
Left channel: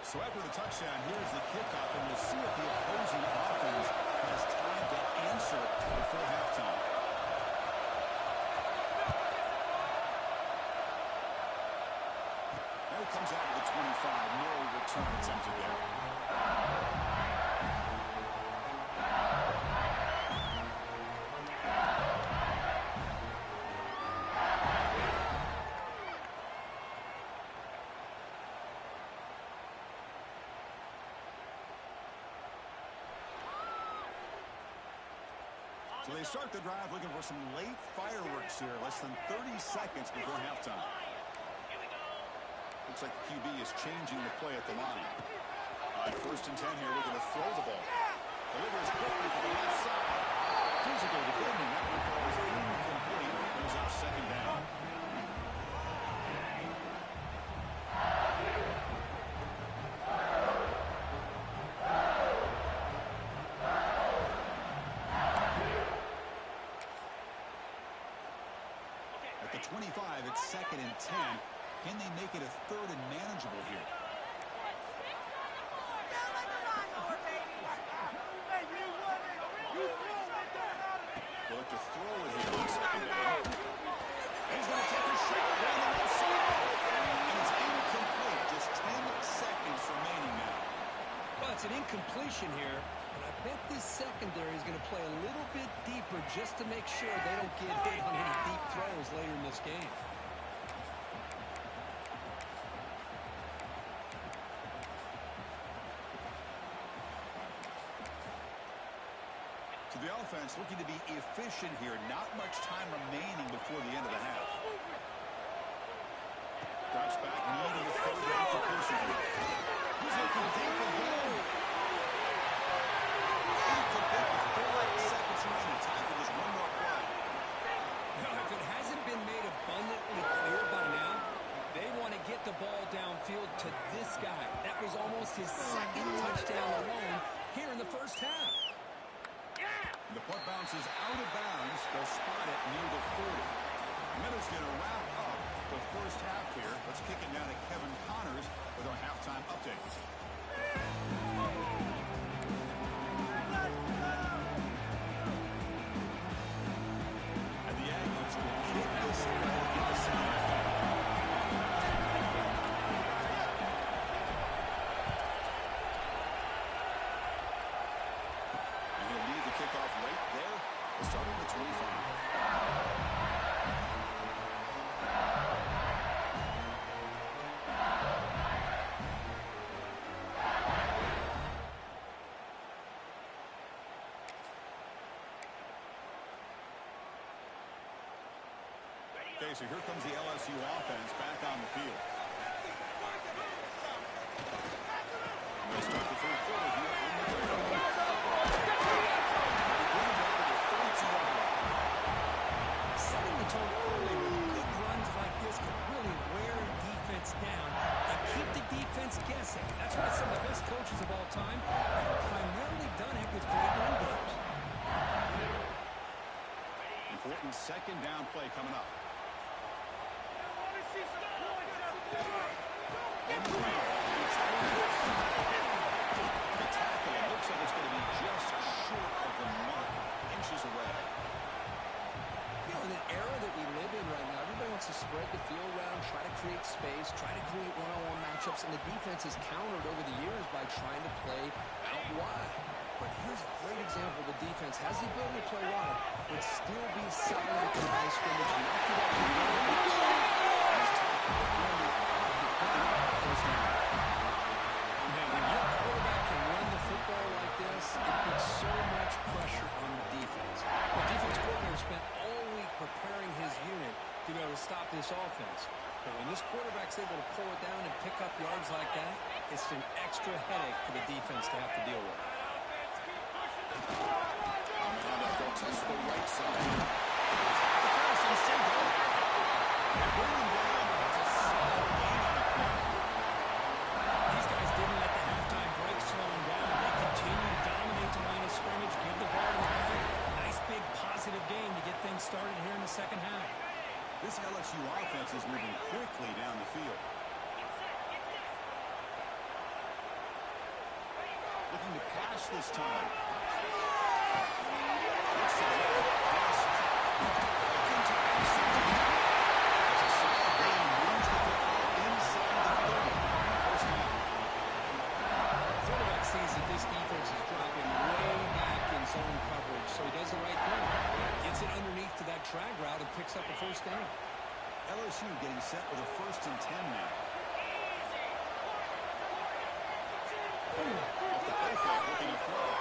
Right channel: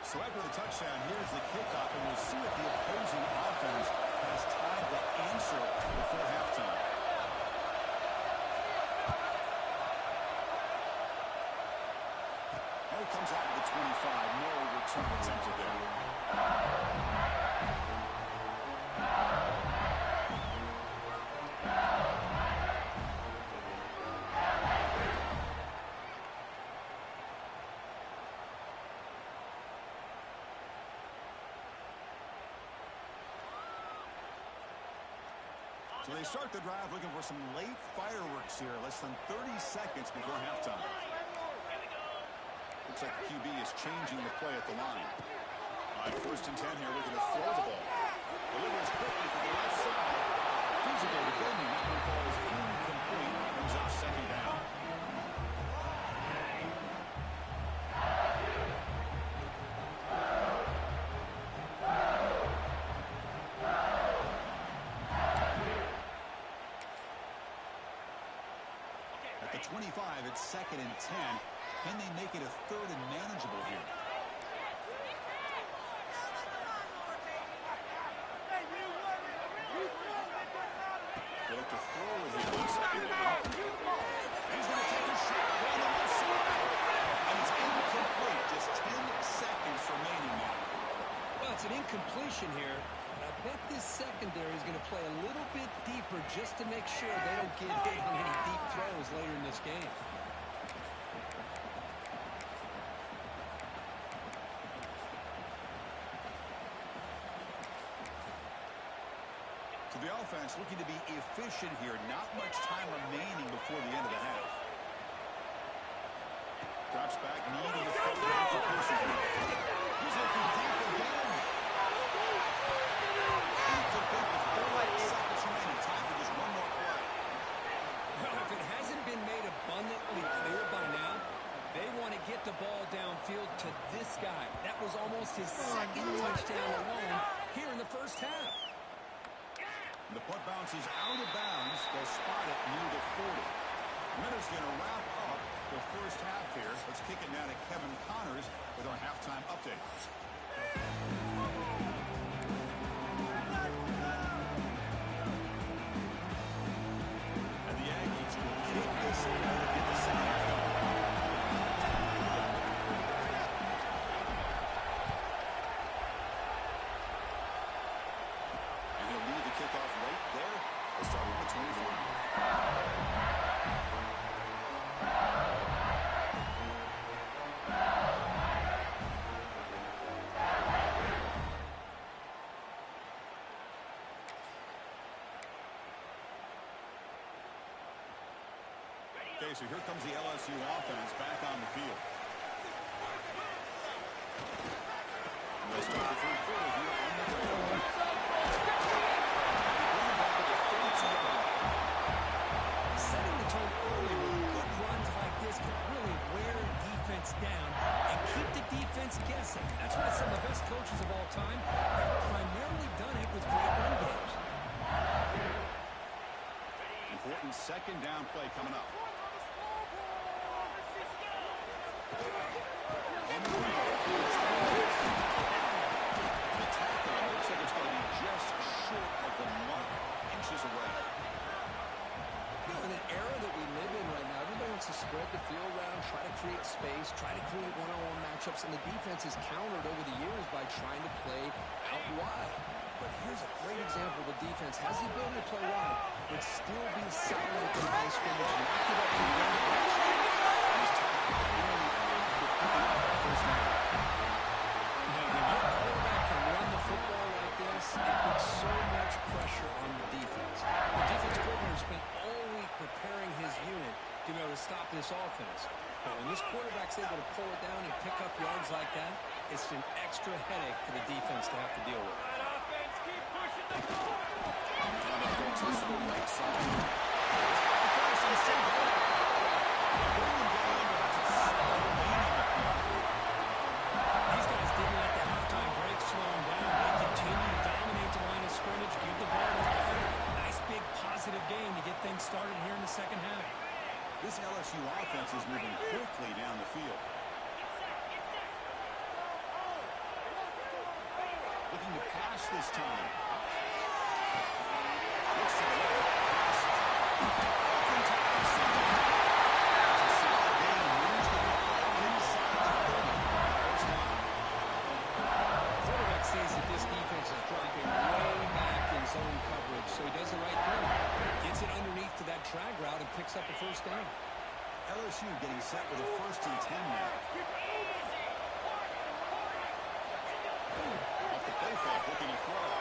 So after the touchdown, here's the kickoff, and we'll see if the opposing offense has time to answer before halftime. Now he comes out to the 25. No return attempted there. So they start the drive looking for some late fireworks here, less than 30 seconds before halftime. Looks like the QB is changing the play at the line. On first and 10 here, looking to throw the ball. Delivers quickly to the left side. Physical defending. That one falls incomplete. Brings up second down. At the 25, it's second and 10. Can they make it a third and manageable here? They look to throw it here on second down. And he's going to take a shot down the seconds remaining now. Well, it's an incompletion here, but I bet this secondary is going to play a little bit deeper just to make sure they don't get hit on any deep throws later in this game. So the offense looking to be efficient here. Not much time remaining before the end of the half. Drops back, needing a third down completion. He's looking deep again. Incomplete with 4 seconds remaining. Time for just one more play. Now, if it hasn't been made abundantly clear by now, they want to get the ball downfield to this guy. That was almost his second touchdown alone here in the first half. The punt bounces out of bounds. They'll spot it near the 40. Miller's going to wrap up the first half here. Let's kick it now to Kevin Connors with our halftime update. And the Aggies will kick this away to get the second half going. And he'll lead the kickoff right there. We'll start with the 25. Okay, so here comes the LSU offense back on the field. And they'll start the third quarter here on the ground. They bring it down to the 32-yard line. Setting the tone early with good runs like this can really wear defense down and keep the defense guessing. That's why some of the best coaches of all time have primarily done it with great run games. Important second down play coming up. The tackle, it looks like it's going to be just short of the mark, inches away. You know, in an era that we live in right now, everybody wants to spread the field around, try to create space, try to create one-on-one matchups, and the defense has countered over the years by trying to play out wide. But here's a great example. The defense has the ability to play wide, but still be solid at the line of scrimmage, knock it up and run it back. First down. Now, when your quarterback can run the football like this, it puts so much pressure on the defense. The defense coordinator spent all week preparing his unit to be able to stop this offense. But when this quarterback's able to pull it down and pick up yards like that, it's an extra headache for the defense to have to deal with. To the right side. The pass and still going. They bring him down, but that's a solid gain on the play. These guys didn't let the halftime break slow them down. They continue to dominate the line of scrimmage, give the ball to the back. Nice big positive game to get things started here in the second half. This LSU offense is moving quickly down the field. Looking to pass this time. Looks to the left. Pass. Open tackle. That's a solid gain. Moves the football inside the 30. First down. Quarterback sees that this defense is dropping way back in zone coverage, so he does the right thing. Gets it underneath to that drag route and picks up a first down. LSU getting set with a 1st and 10 now. Off the play fake, looking to throw.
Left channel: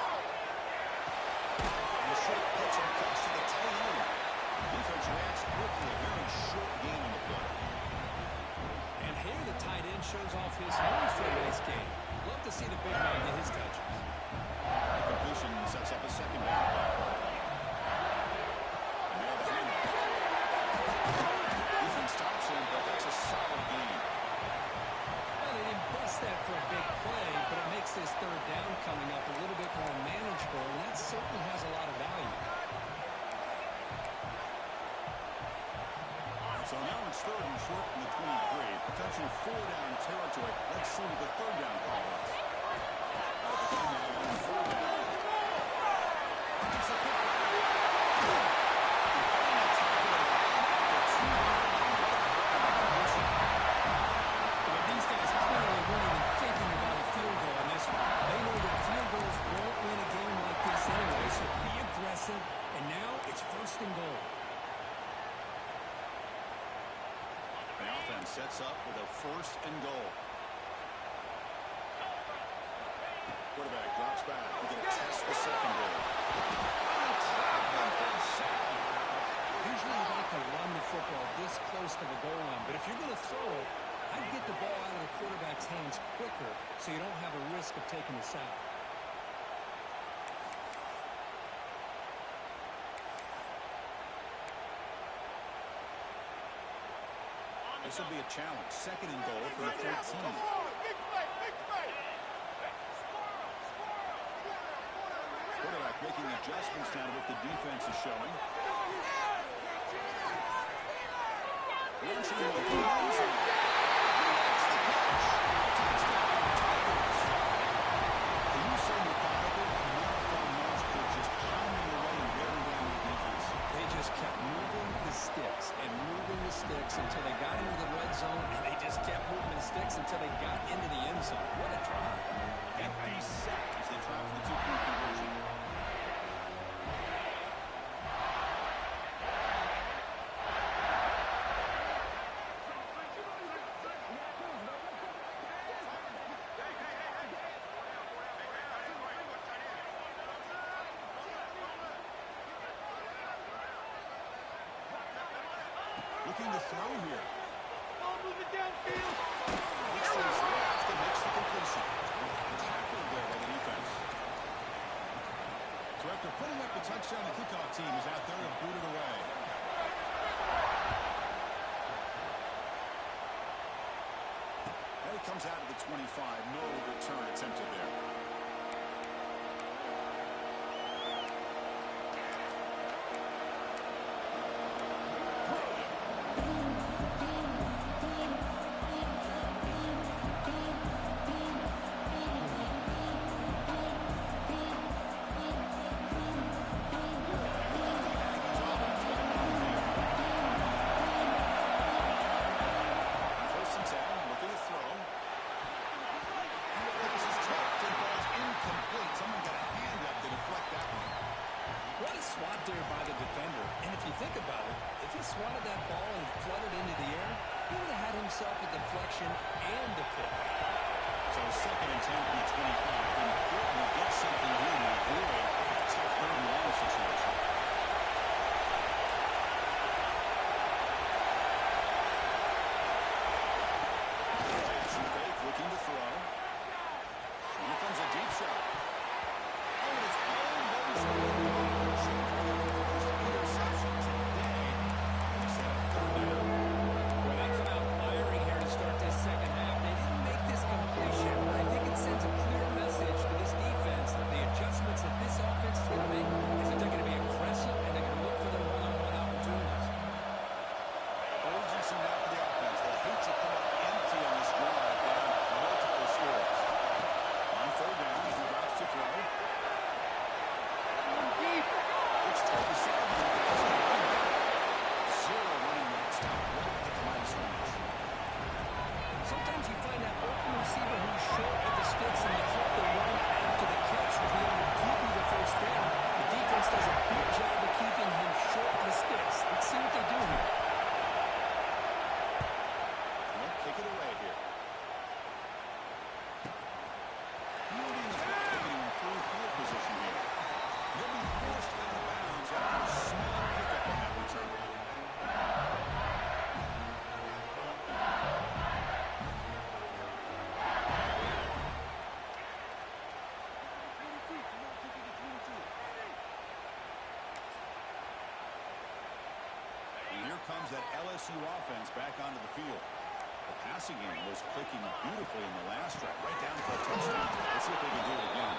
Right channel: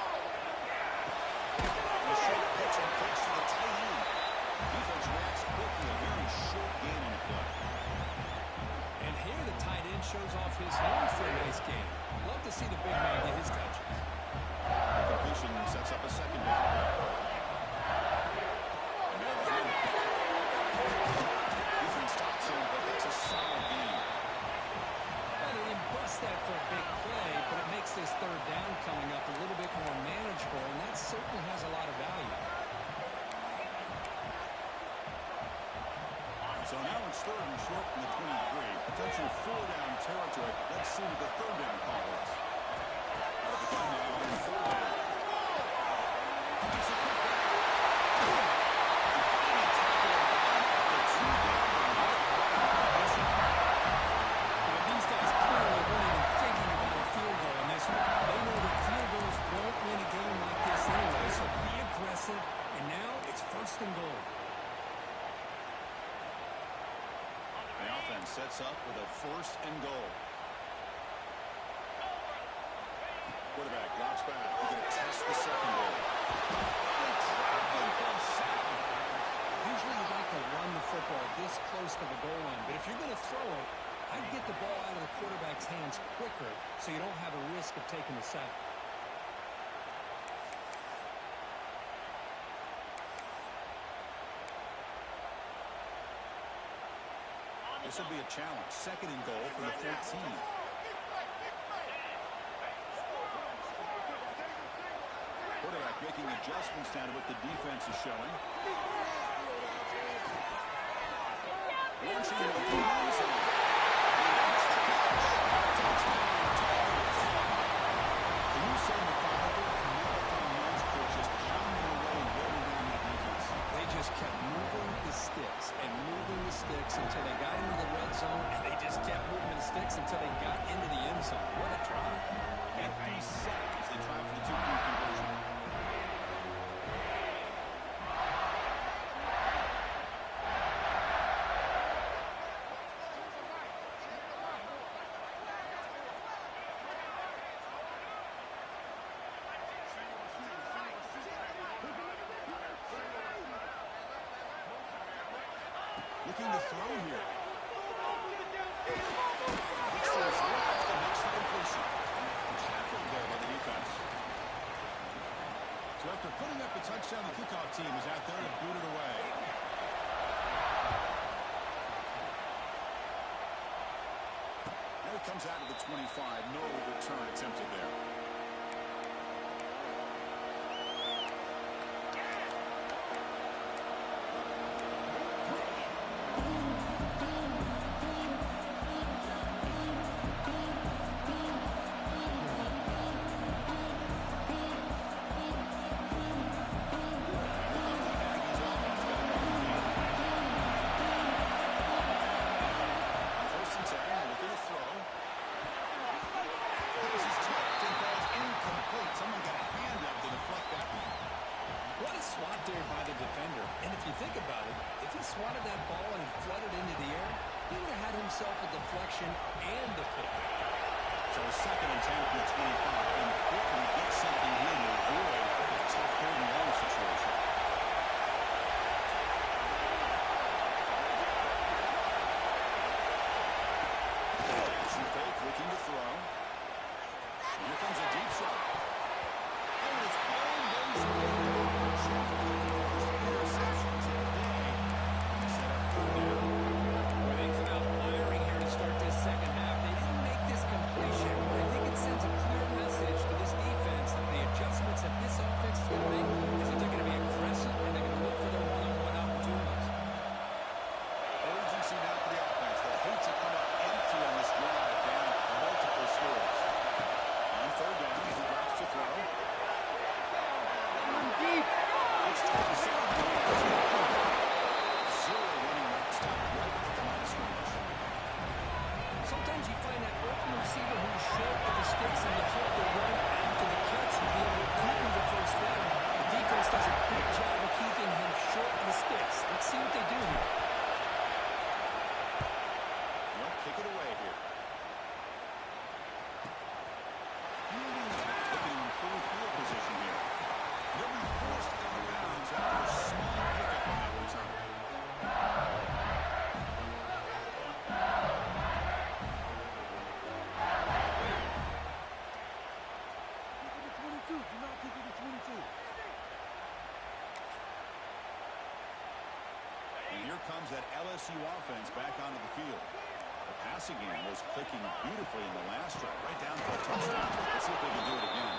And a short pitch and cuts to the tight end. Defense reacts quickly. A very short gain on the play. And here the tight end shows off his hands for a nice game. Love to see the big man get his touches. The completion sets up a second down play. And now the handoff. Defense stops him, but that's a solid gain. Well, they didn't bust that for a big play, but it makes this third down coming up a little bit more manageable, and that certainly has a lot of value. So now it's 3rd and short from the 23. Potential 4-down territory. Let's see what the 3rd down call is. Out of the gun now on 4th down. It's a quick round. And finally tackle him for 2 yards and what a play on the position. But these guys clearly weren't even thinking about a sets up with a 1st and goal. Quarterback drops back. He's going to test the secondary. Usually you like to run the football this close to the goal line, but if you're going to throw it, I'd get the ball out of the quarterback's hands quicker so you don't have a risk of taking a sack. This will be a challenge. 2nd and goal for the 13. Quarterback making adjustments down to what the defense is showing. Launching into the end zone. He makes the catch. Touchdown, Tigers. Can you say methodical? Marathon march for just pounding away and wearing down the defense. They just kept moving the sticks and moving the sticks until they got into the red zone, and they just kept moving the sticks until they got into the end zone. What a drive. Empty set as they try for the 2-point conversion. Looking to throw here. It's to his left and makes the completion. Tackled there by the defense. So after putting up a touchdown, the kickoff team is out there to boot it away. And it comes out of the 25. No return attempted there. Someone got a hand up to deflect that one. What a swat there by the defender. And if you think about it, if he swatted that ball and it fluttered into the air, he would have had himself a deflection and a pick. So 2nd and 10 from the 25. Important to get something here to avoid a tough 3rd and long situation. Action fake, looking to throw. Here comes a deep shot. Oh, and it's almost interception today. And they set up 3rd down. Well, they come out firing here to start this 2nd half. They didn't make this completion, but I think it sends a clear message to this defense that the adjustments that this offense is going to make is that they're going to be aggressive and they're going to look for their one-on-one opportunities. Urgency now for the offense. They'll hate to come up empty on this drive, down multiple scores. On 3rd down, he drops to throw. Deep. It's toward the sideline. Zero running back stop right at the line of scrimmage. Sometimes you find that open receiver who's short of the sticks and you hope the run after the catch will be able to give you the 1st down. The defense does a good job of keeping him short of the sticks. Let's see what they do here. They'll kick it away here. Fielding is looking to improve field position here. They'll be forced out of bounds after a small hiccup on that return. And here comes that LSU offense back onto the field. The passing game was clicking beautifully in the last drive, right down for a touchdown. Let's see if they can do it again.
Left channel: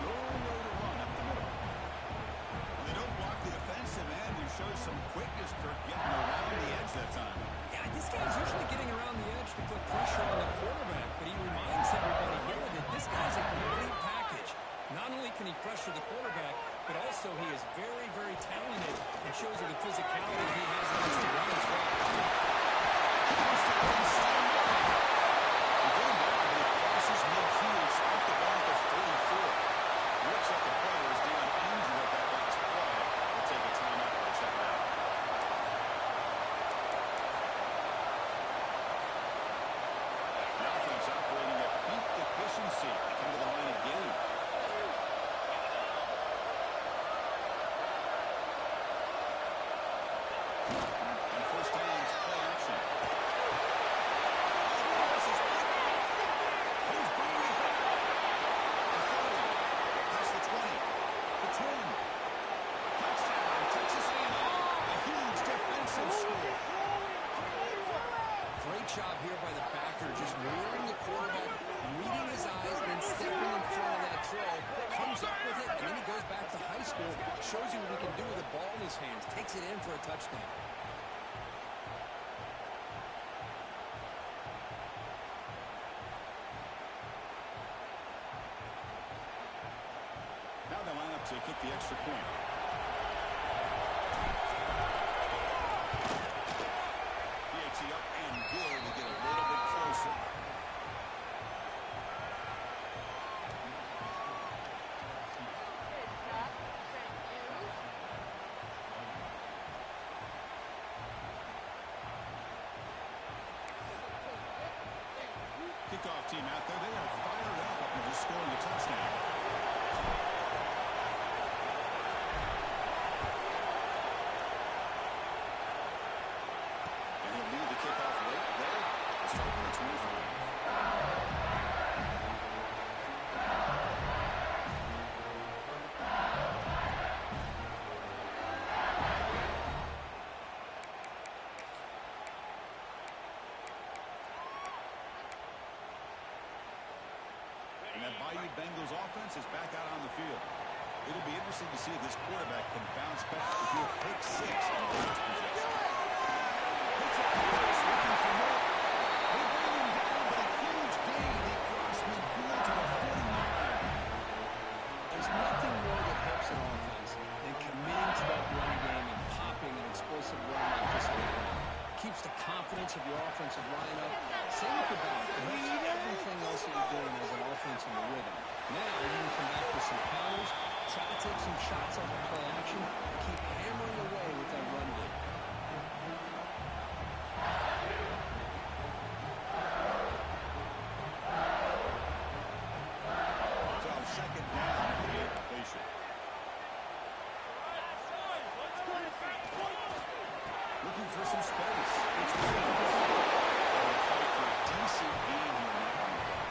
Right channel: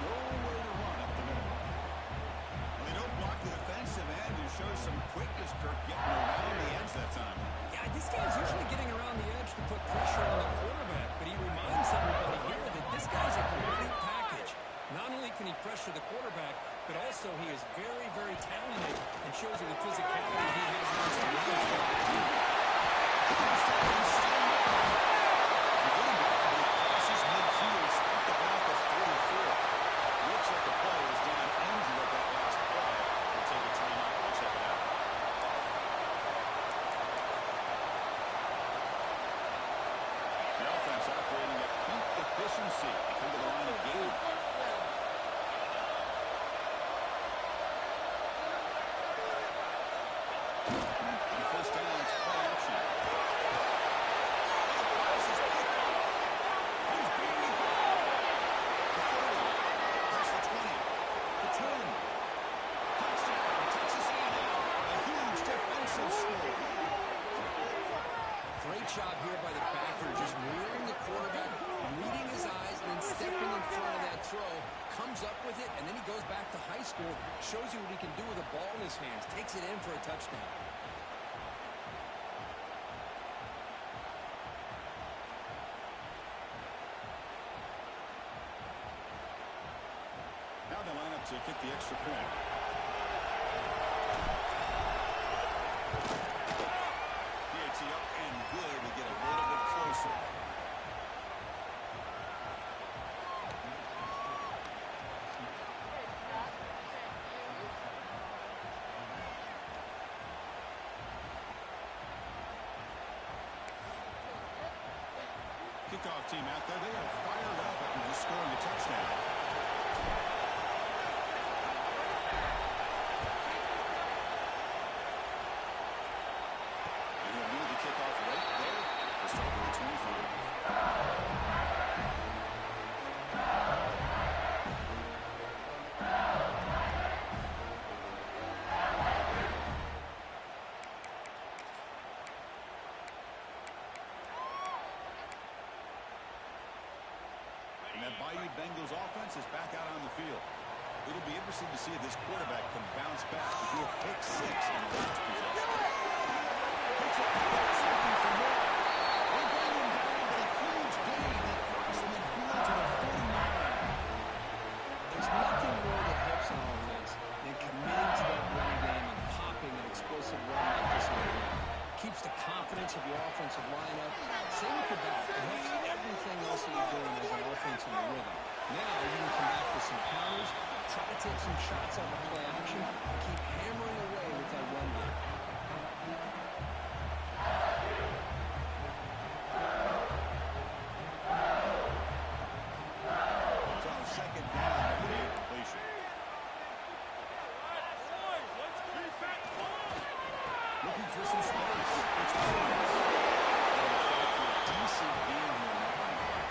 Nowhere to run up the middle. Well, they don't block the defensive end and show some quickness, Kirk, getting around the edge that time. Yeah, this guy's usually getting around the edge to put pressure on the quarterback, but he reminds everybody here that this guy's a complete package. Not only can he pressure the quarterback, but also he is very, very talented and shows you the physicality he has against the run as well. He get him down, but he crosses midfield, at the back of 44. Looks like the player is down injured at that last play. We'll take a timeout while they check it out. efficiency. They come to the line again. On first down, it's play action. The pass is picked off. He's being held. The 30. Past the 20. The 10. Touchdown, Texas A&M. A huge defensive score. Great job here by the backer, just rearing the quarterback, reading his eyes, and then stepping in front of that throw, comes up with it, and then he goes back to high school, shows you what he can do with the ball in his hands, takes it in for a touchdown. Now they line up to kick the extra point. PAT up and good. We get a little bit closer. Kickoff team out there. They are fired up after just scoring a touchdown. Kickoff right there to start with the 25. And that Bayou Bengals offense is back out on the field. It'll be interesting to see if this quarterback can bounce back to do a pick six in the last possession. Looking for more. They bring him down, but a huge gain. They cross midfield to the 49. There's nothing more that helps an offense than committing to that running game and popping an explosive run like this on the ground. Keeps the confidence of your offensive lineup. Same with your back. It helps everything else that you're doing as an offense in the rhythm. Now you can come back with some counters, try to take some shots off of play action, and keep hammering away with that run game. So second down after the incompletion. Looking for some space. It's Williams. They'll fight for a decent gain here in that running play.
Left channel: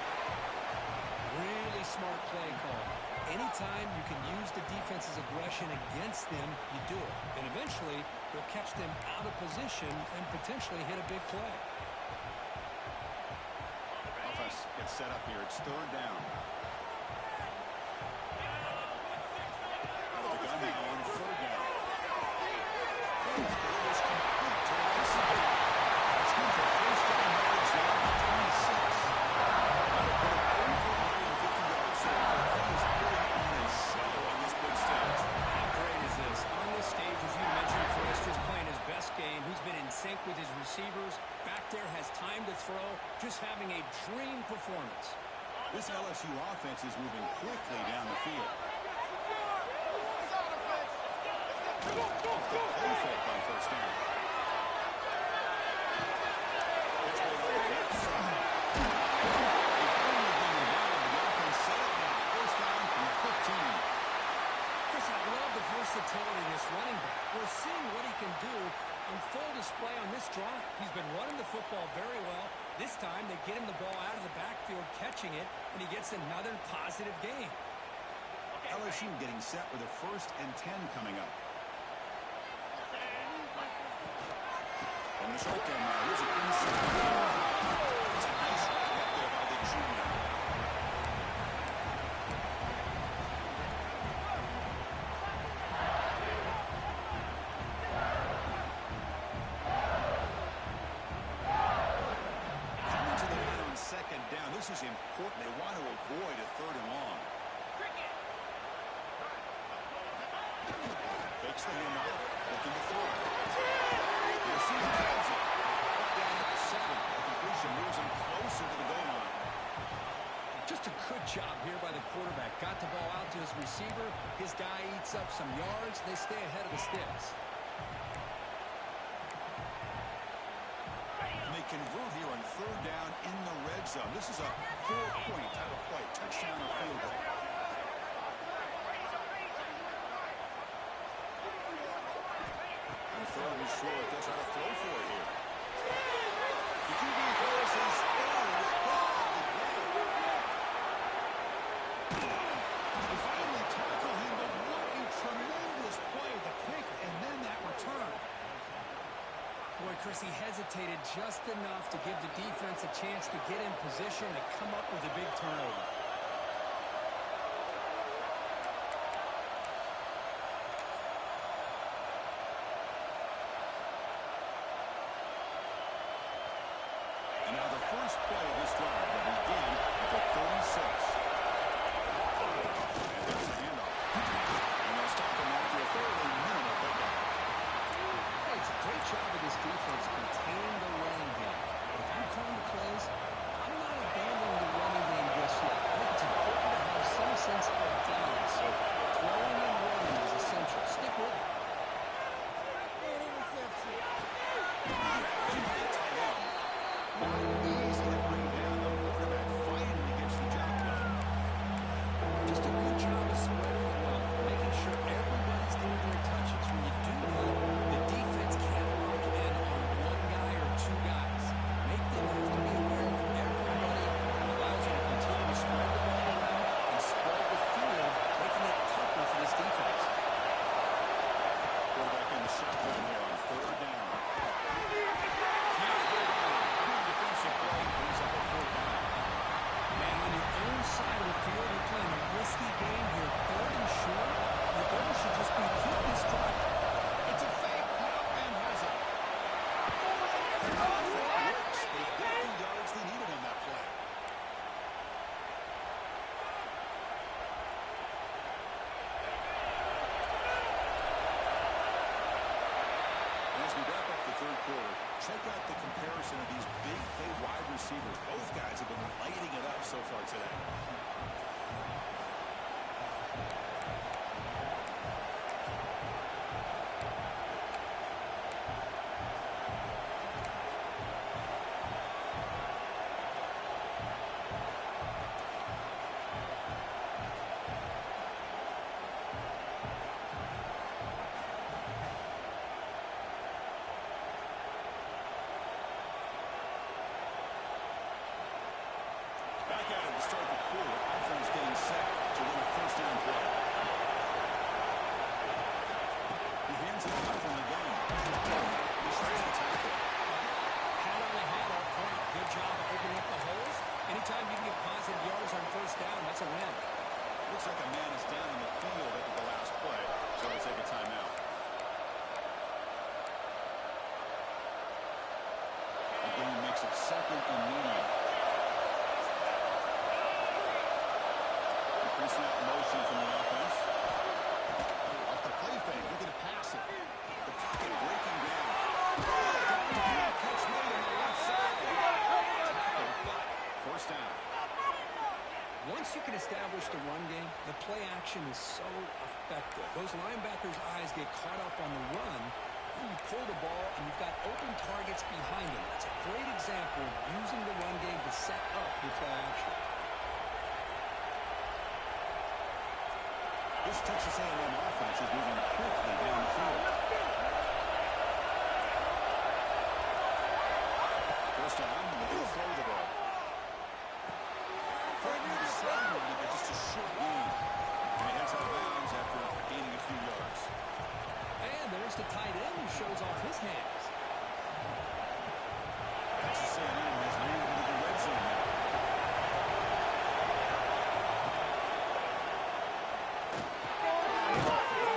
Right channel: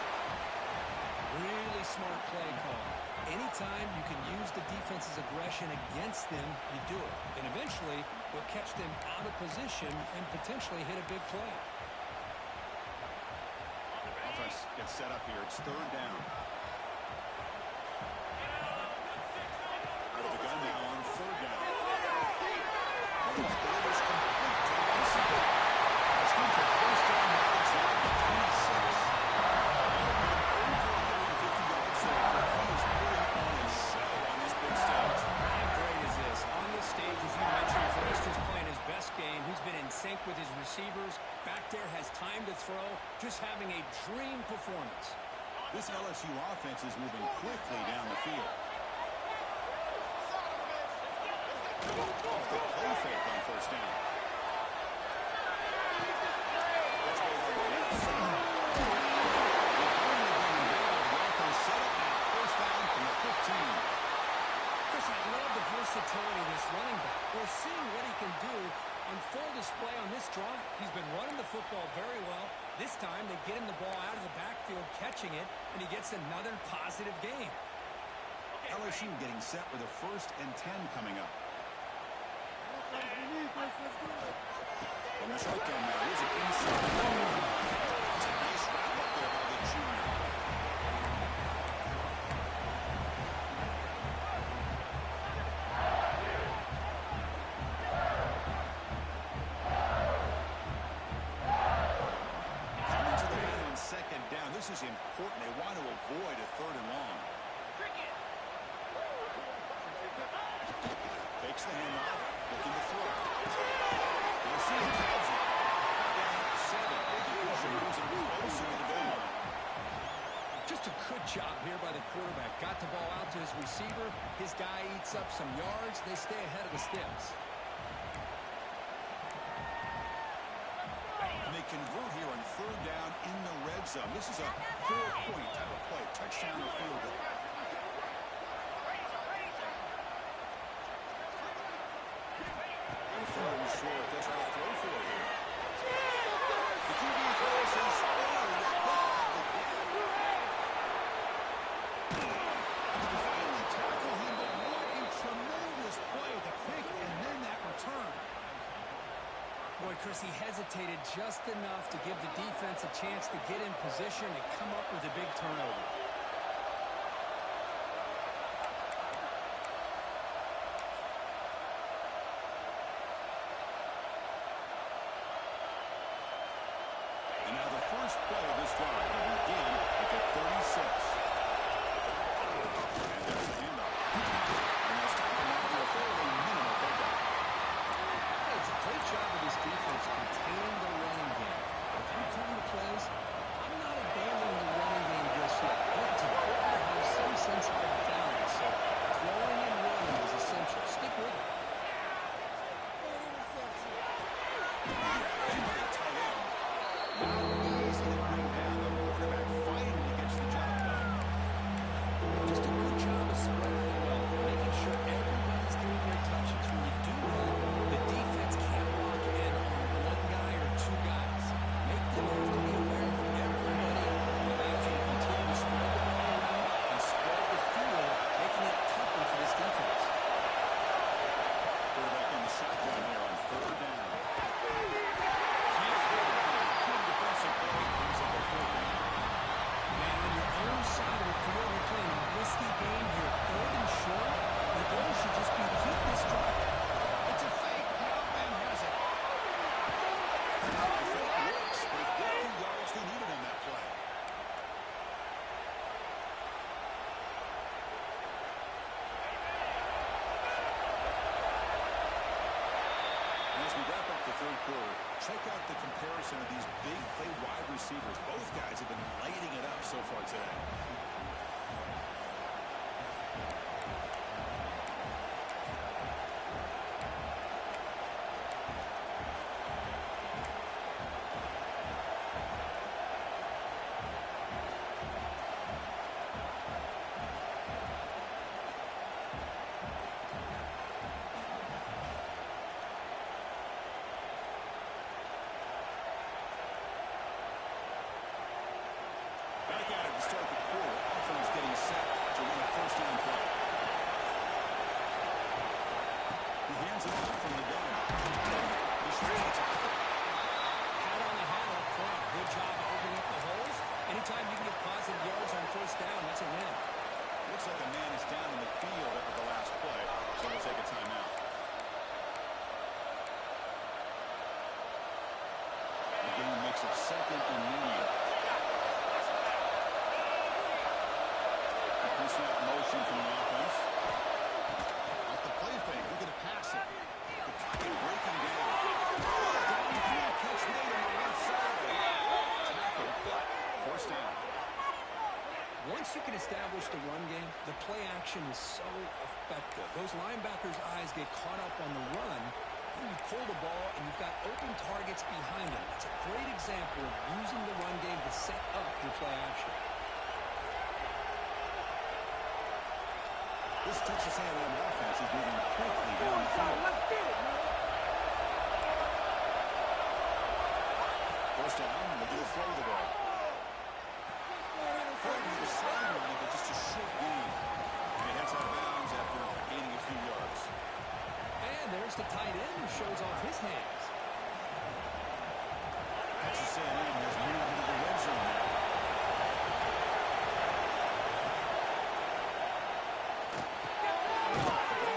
Really smart play call. Anytime you can use the defense's aggression against them, you do it. And eventually, you'll catch them out of position and potentially hit a big play. Offense gets set up here. It's third down. Out of the gun now on third down. Ball is complete to the right side. That's good for first down yards now at 26. That'll put him over 150 yards there, but he is putting on a show on this big stage. How great is this? On this stage, as you mentioned, Chris, just playing his best game. He's been in sync with his receivers. Back there, has time to throw. Just having a dream performance. This LSU offense is moving quickly down the field. Off the play fake on first down. That's made on the left side. They finally bring him down. The offense set it now. First down from the 15. Chris, I love the versatility of this running back. We're seeing what he can do on full display on this drive. He's been running the football very well. This time, they get him the ball out of the backfield, catching it, and he gets another positive gain. LSU getting set with a 1st and 10 coming up. From the shotgun now, here's an inside. It's a nice wrap up there by the junior. Coming to the line on second down. This is important. They want to avoid a third and long. Takes the handoff, looking to throw. You'll see him has it. Brought down at the 7. The completion moves him closer to the goal line. Just a good job here by the quarterback. Got the ball out to his receiver. His guy eats up some yards. They stay ahead of the sticks. And they convert here on third down in the red zone. This is a 4-point type of play, touchdown or field goal. And third and short, they'll try to throw for it here. The QB throws his They finally tackle him, but what a tremendous play. The pick and then that return. Boy, Chris, he hesitated just enough to give the defense a chance to get in position and come up with a big turnover. And now the first play of this drive will begin at the 36. And there's the handoff. And they'll stop him after a fairly minimal pickup. Hey, it's a great job of this defense containing the running game. But if I'm calling the plays, I'm not abandoning the running game just yet. I think it's important to have some sense of balance. So throwing and running is essential. Stick with it. Not easy to bring down. The quarterback finally gets the job done. Just a good job of spreading the wealth, making sure everybody's getting their touches. When you do that, the defense can't lock in on one guy or two guys. Make them have to be aware of everybody. It allows you to continue to spread the ball around and spread the field, making it tougher for this defense. Quarterback in the shotgun here on third down. Can't hold on. Good defensive play. Brings up a fourth down. Man, on your own side of the field, you're playing a risky game here. Third and short, the goal should just be keep this drive. It's a fake. The up man has it. The fake works. They got the yards they needed on that play. As we wrap up the third quarter, check out the comparison of these big play wide receivers. Both guys have been lighting it up so far today. Back at it to start the quarter. Offense getting set to run a first down play. He hands it off from the gun. He's ready to tackle. Hat on a hat up front. Good job of opening up the holes. Anytime you can get positive yards on first down, that's a win. Looks like a man is down in the field after the last play, so we'll take a timeout. The game makes it second and medium. Snap motion from the offense. Off the play fake, looking to pass it. The pocket breaking down. Downfield catch made on the left side. Tackle, forced down. Once you can establish the run game, the play action is so effective. Those linebackers' eyes get caught up on the run, and you pull the ball, and you've got open targets behind them. That's a great example of using the run game to set up your play action. This Texas A&M offense is moving quickly down the field. First down, they're going to throw the ball. Threatening to the sideline, but just a short gain. And he heads out of bounds after gaining a few yards. And there's the tight end who shows off his hands. Texas A&M has moved into the red zone now.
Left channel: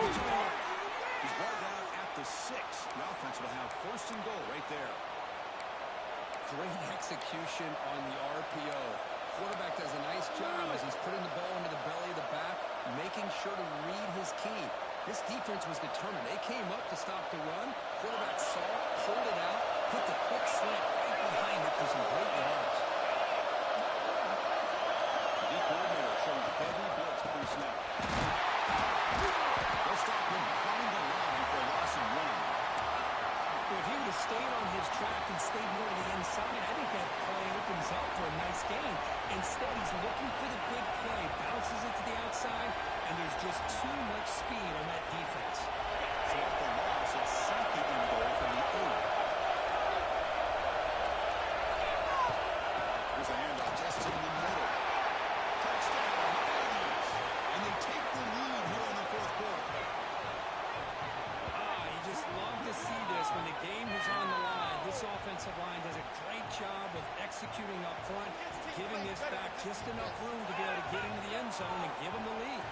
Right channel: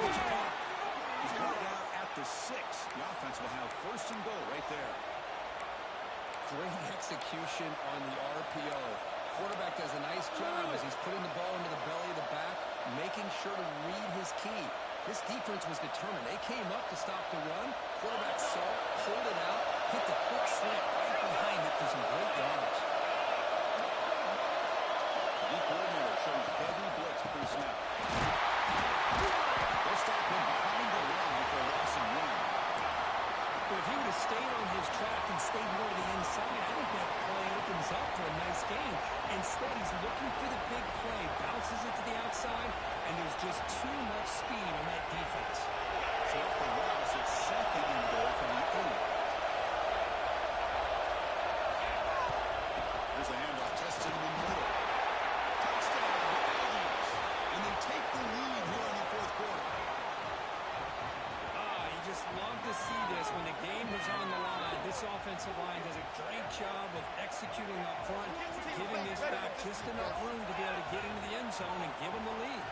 He's brought down at the 6. The offense will have first and goal right there. Great execution on the RPO. Quarterback does a nice job as he's putting the ball into the belly of the back, making sure to read his key. This defense was determined. They came up to stop the run. Quarterback saw it, pulled it out, hit the quick slant right behind it for some great yards. The D coordinator showing heavy blitz pre-snap. They'll stop him behind the line for a loss and run. Well, if he would have stayed on his track and stayed more to the inside, this game. Instead, he's looking for the big play, bounces it to the outside, and there's just too much speed on that defense. So off the loss, it's second and goal from the 8. Here's a handoff, tested in the middle. Touchdown, Aggies. And they take the lead here in the fourth quarter. You just love to see this when the game is on the line. This offensive line does a great job of executing up front, giving this back just enough room to be able to get into the end zone and give them the lead.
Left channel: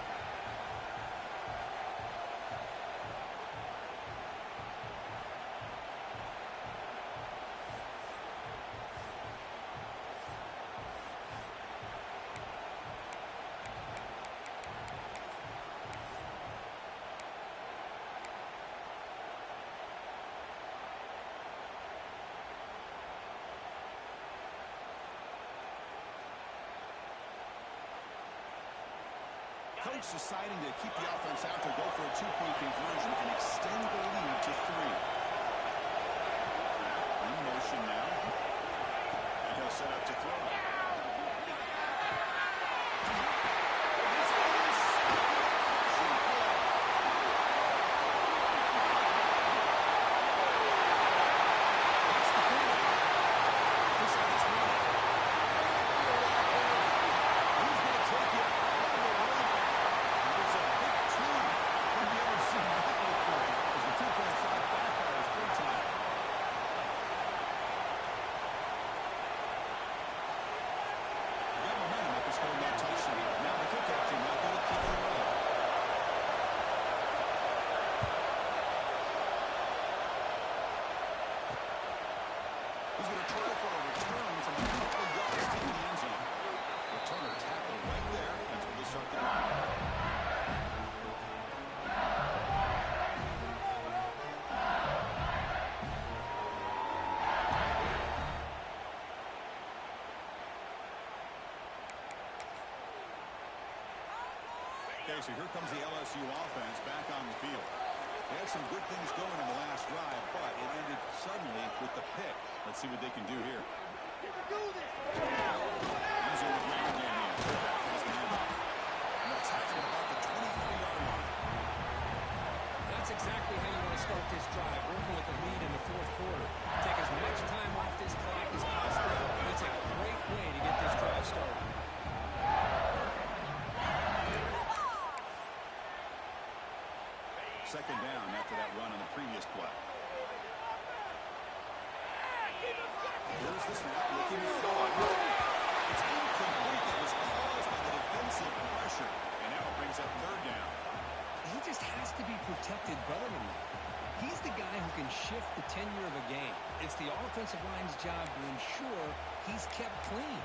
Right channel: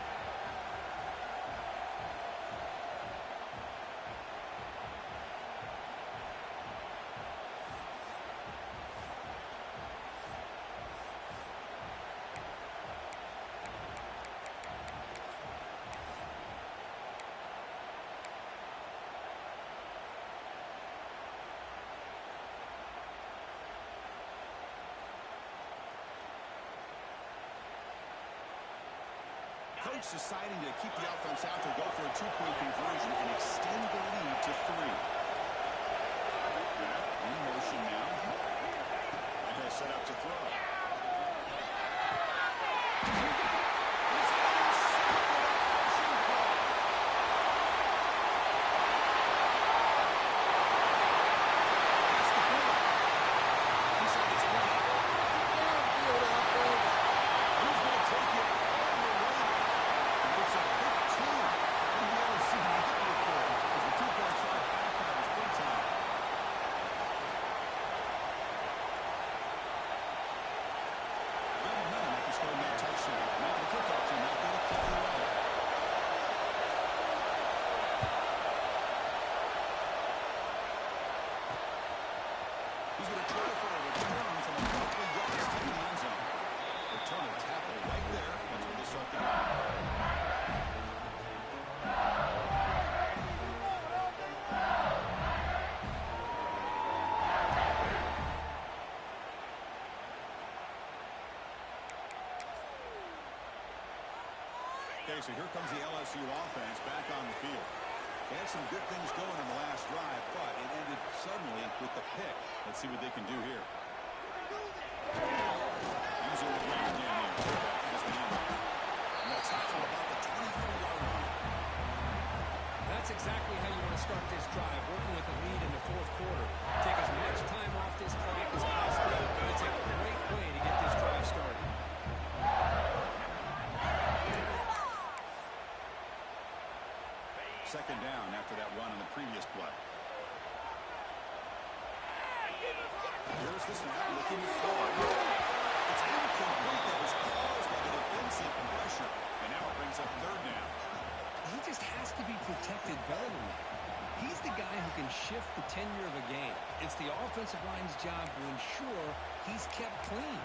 Coach deciding to keep the offense out to go for a two-point conversion and extend the lead to 3. In motion now. And he'll set up to throw. He's intercepted a rushing play. That's the point. Inside the 20. Who's going to take it all the way? It's a big 2. Have you ever seen that before? As the 2-point shot backfires big time. Got momentum after scoring that touchdown. Now the kickoff team out there to kick it away. He's going to try for a return from a couple of yards to the end zone. Returner tackle right there. That's where they start the drive. Okay, so here comes the LSU offense back on the field. They had some good things going on the last drive, but it ended suddenly with the pick. Let's see what they can do here. Using the ground game here. Quarterback has the handoff. And they'll tackle about the 23-yard line. That's exactly how you want to start this drive, working with the lead in the fourth quarter. Take as much time off this clock as possible. That's a great way to get this drive started. Second down after that run on the previous play. Here's the snap, looking forward. It's incomplete. That was caused by the defensive pressure. And now it brings up third down. He just has to be protected better than that. He's the guy who can shift the tenure of a game. It's the offensive line's job to ensure he's kept clean.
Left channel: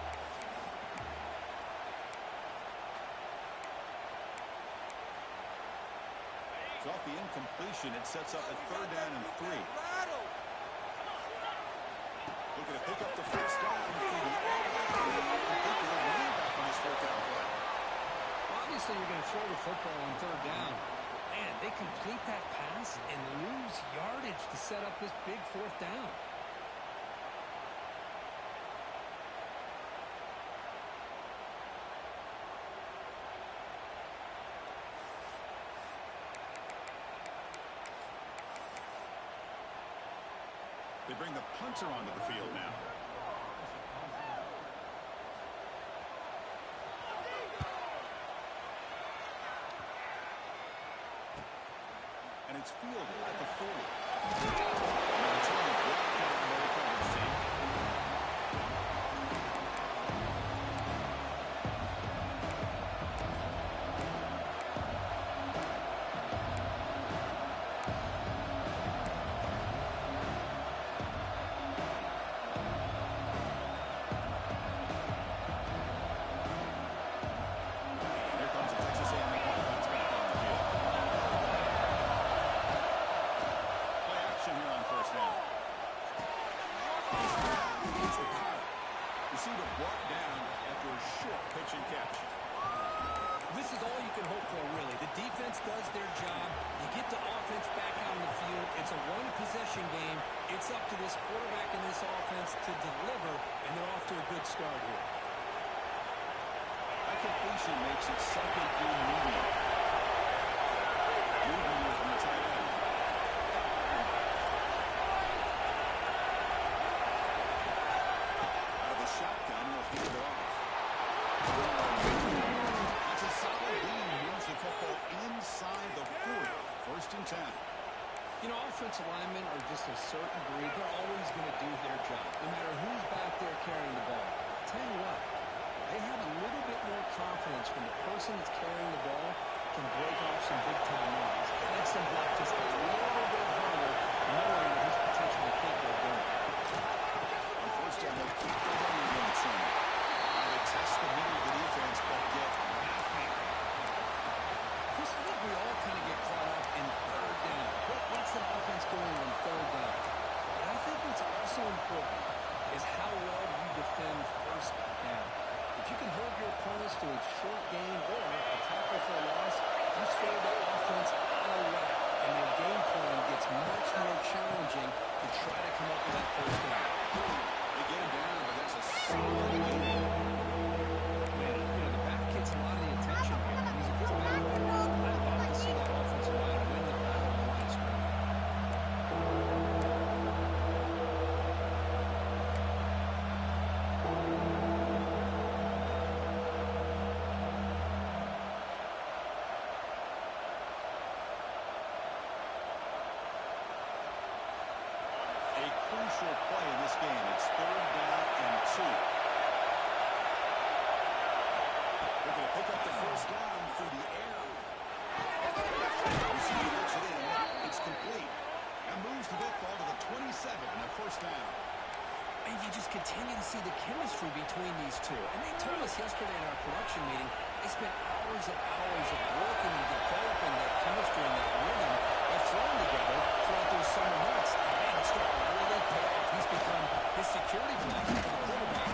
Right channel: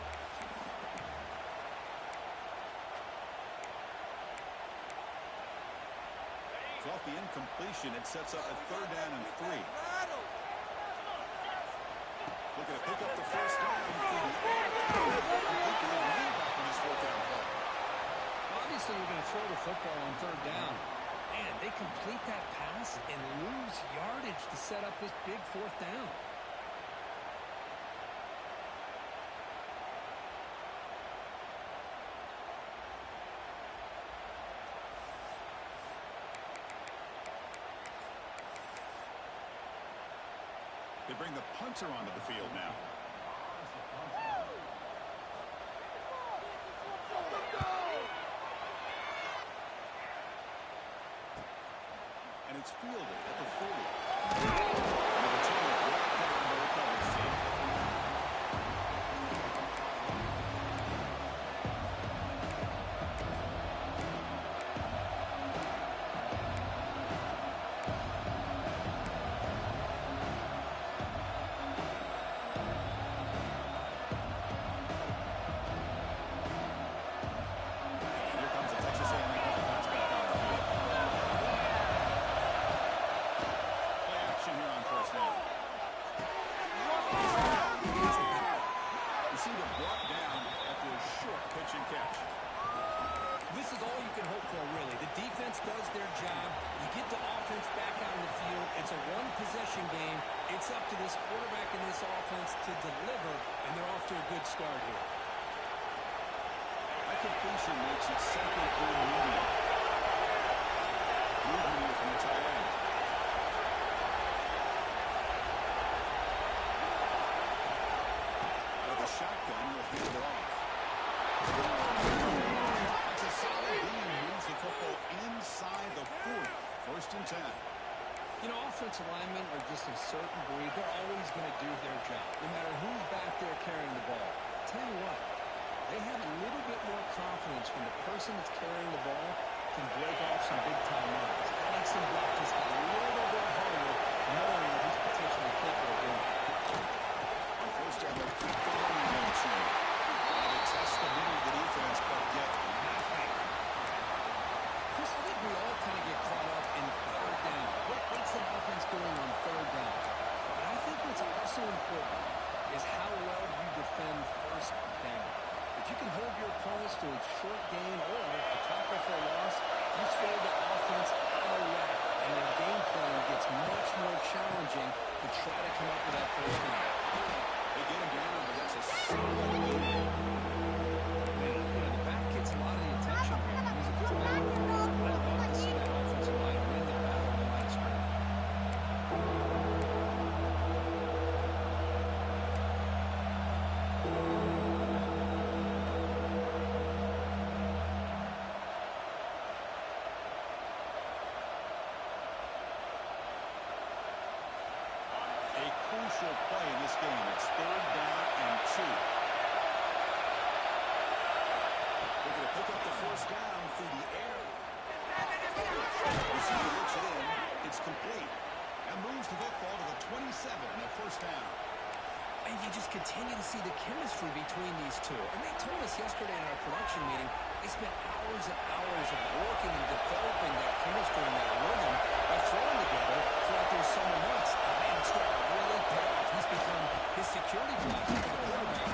So off the incompletion, it sets up a third down and 3. Looking to pick up the first down for the back on his fourth down play. Obviously, you're going to throw the football on third down. Man, they complete that pass and lose yardage to set up this big fourth down. They bring the punter onto the field now. And it's fielded at the 40. And the return brought down by the coverage team. Receiver brought down after a short pitch and catch. This is all you can hope for, really. The defense does their job. You get the offense back out on the field. It's a one-possession game. It's up to this quarterback and this offense to deliver, and they're off to a good start here. That completion makes it second and medium. Movement here from the tight end. Out of the shotgun, he'll hand it off. That's a solid gain. Moves the football inside the 40. First and 10. You know, offensive linemen are just a certain breed. They're always going to do their job, no matter who's back there carrying the ball. I'll tell you what, they have a little bit more confidence when the person that's carrying the ball can break off some big-time runs. It makes them block just a little bit harder, knowing what he's potentially capable of doing. On first down, they'll keep the running game turning. They test the middle of the defense, but get nothing. Chris, I think we all kind of get caught up in third down. What's the offense doing on third down? But I think what's also important is how well you defend first down. If you can hold your opponents to a short gain or a tackle for a loss, you throw the offense out of whack, and their game plan gets much more challenging to try to come up with that first down. They get him down, but that's a solid gain. Man, you know, the back gets a lot of the attention here. He's a good back. I'd love to see that offensive line win the battle on the line of scrimmage. A crucial play in this game. It's third down and 2. Looking to pick up the first down through the air. Receiver looks it in. It's complete. And moves the football to the 27 and a first down. And you just continue to see the chemistry between these two. And they told us yesterday in our production meeting, they spent hours and hours of working and developing that chemistry and that rhythm by throwing together throughout those summer months. And man, it's starting to really pay off. He's become his security blanket for the quarterback,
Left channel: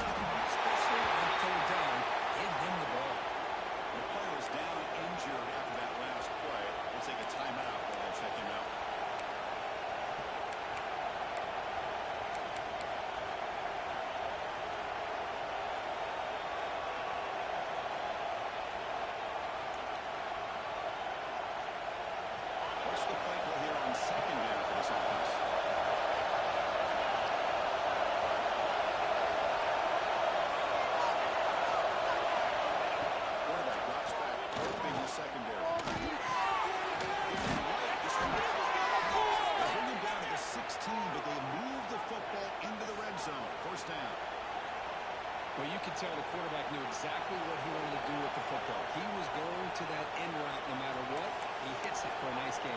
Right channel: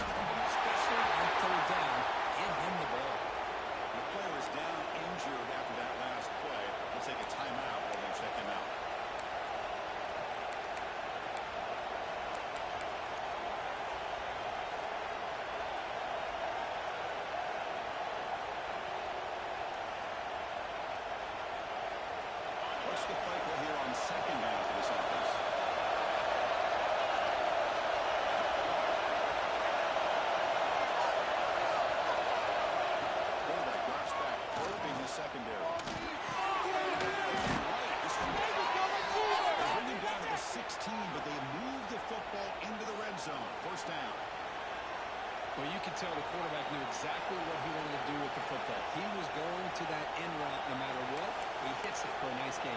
especially on third down. Give him the ball. The player is down injured after that last play. We'll take a timeout while they check him out. What's the play call here on second down for this offense? Quarterback drops back, probing the secondary. Right, this one. They bring him down to the 16, but they move the football into the red zone. First down. Well, you could tell the quarterback knew exactly what he wanted to do with the football. He was going to that end route no matter what. He hits it for a nice gain.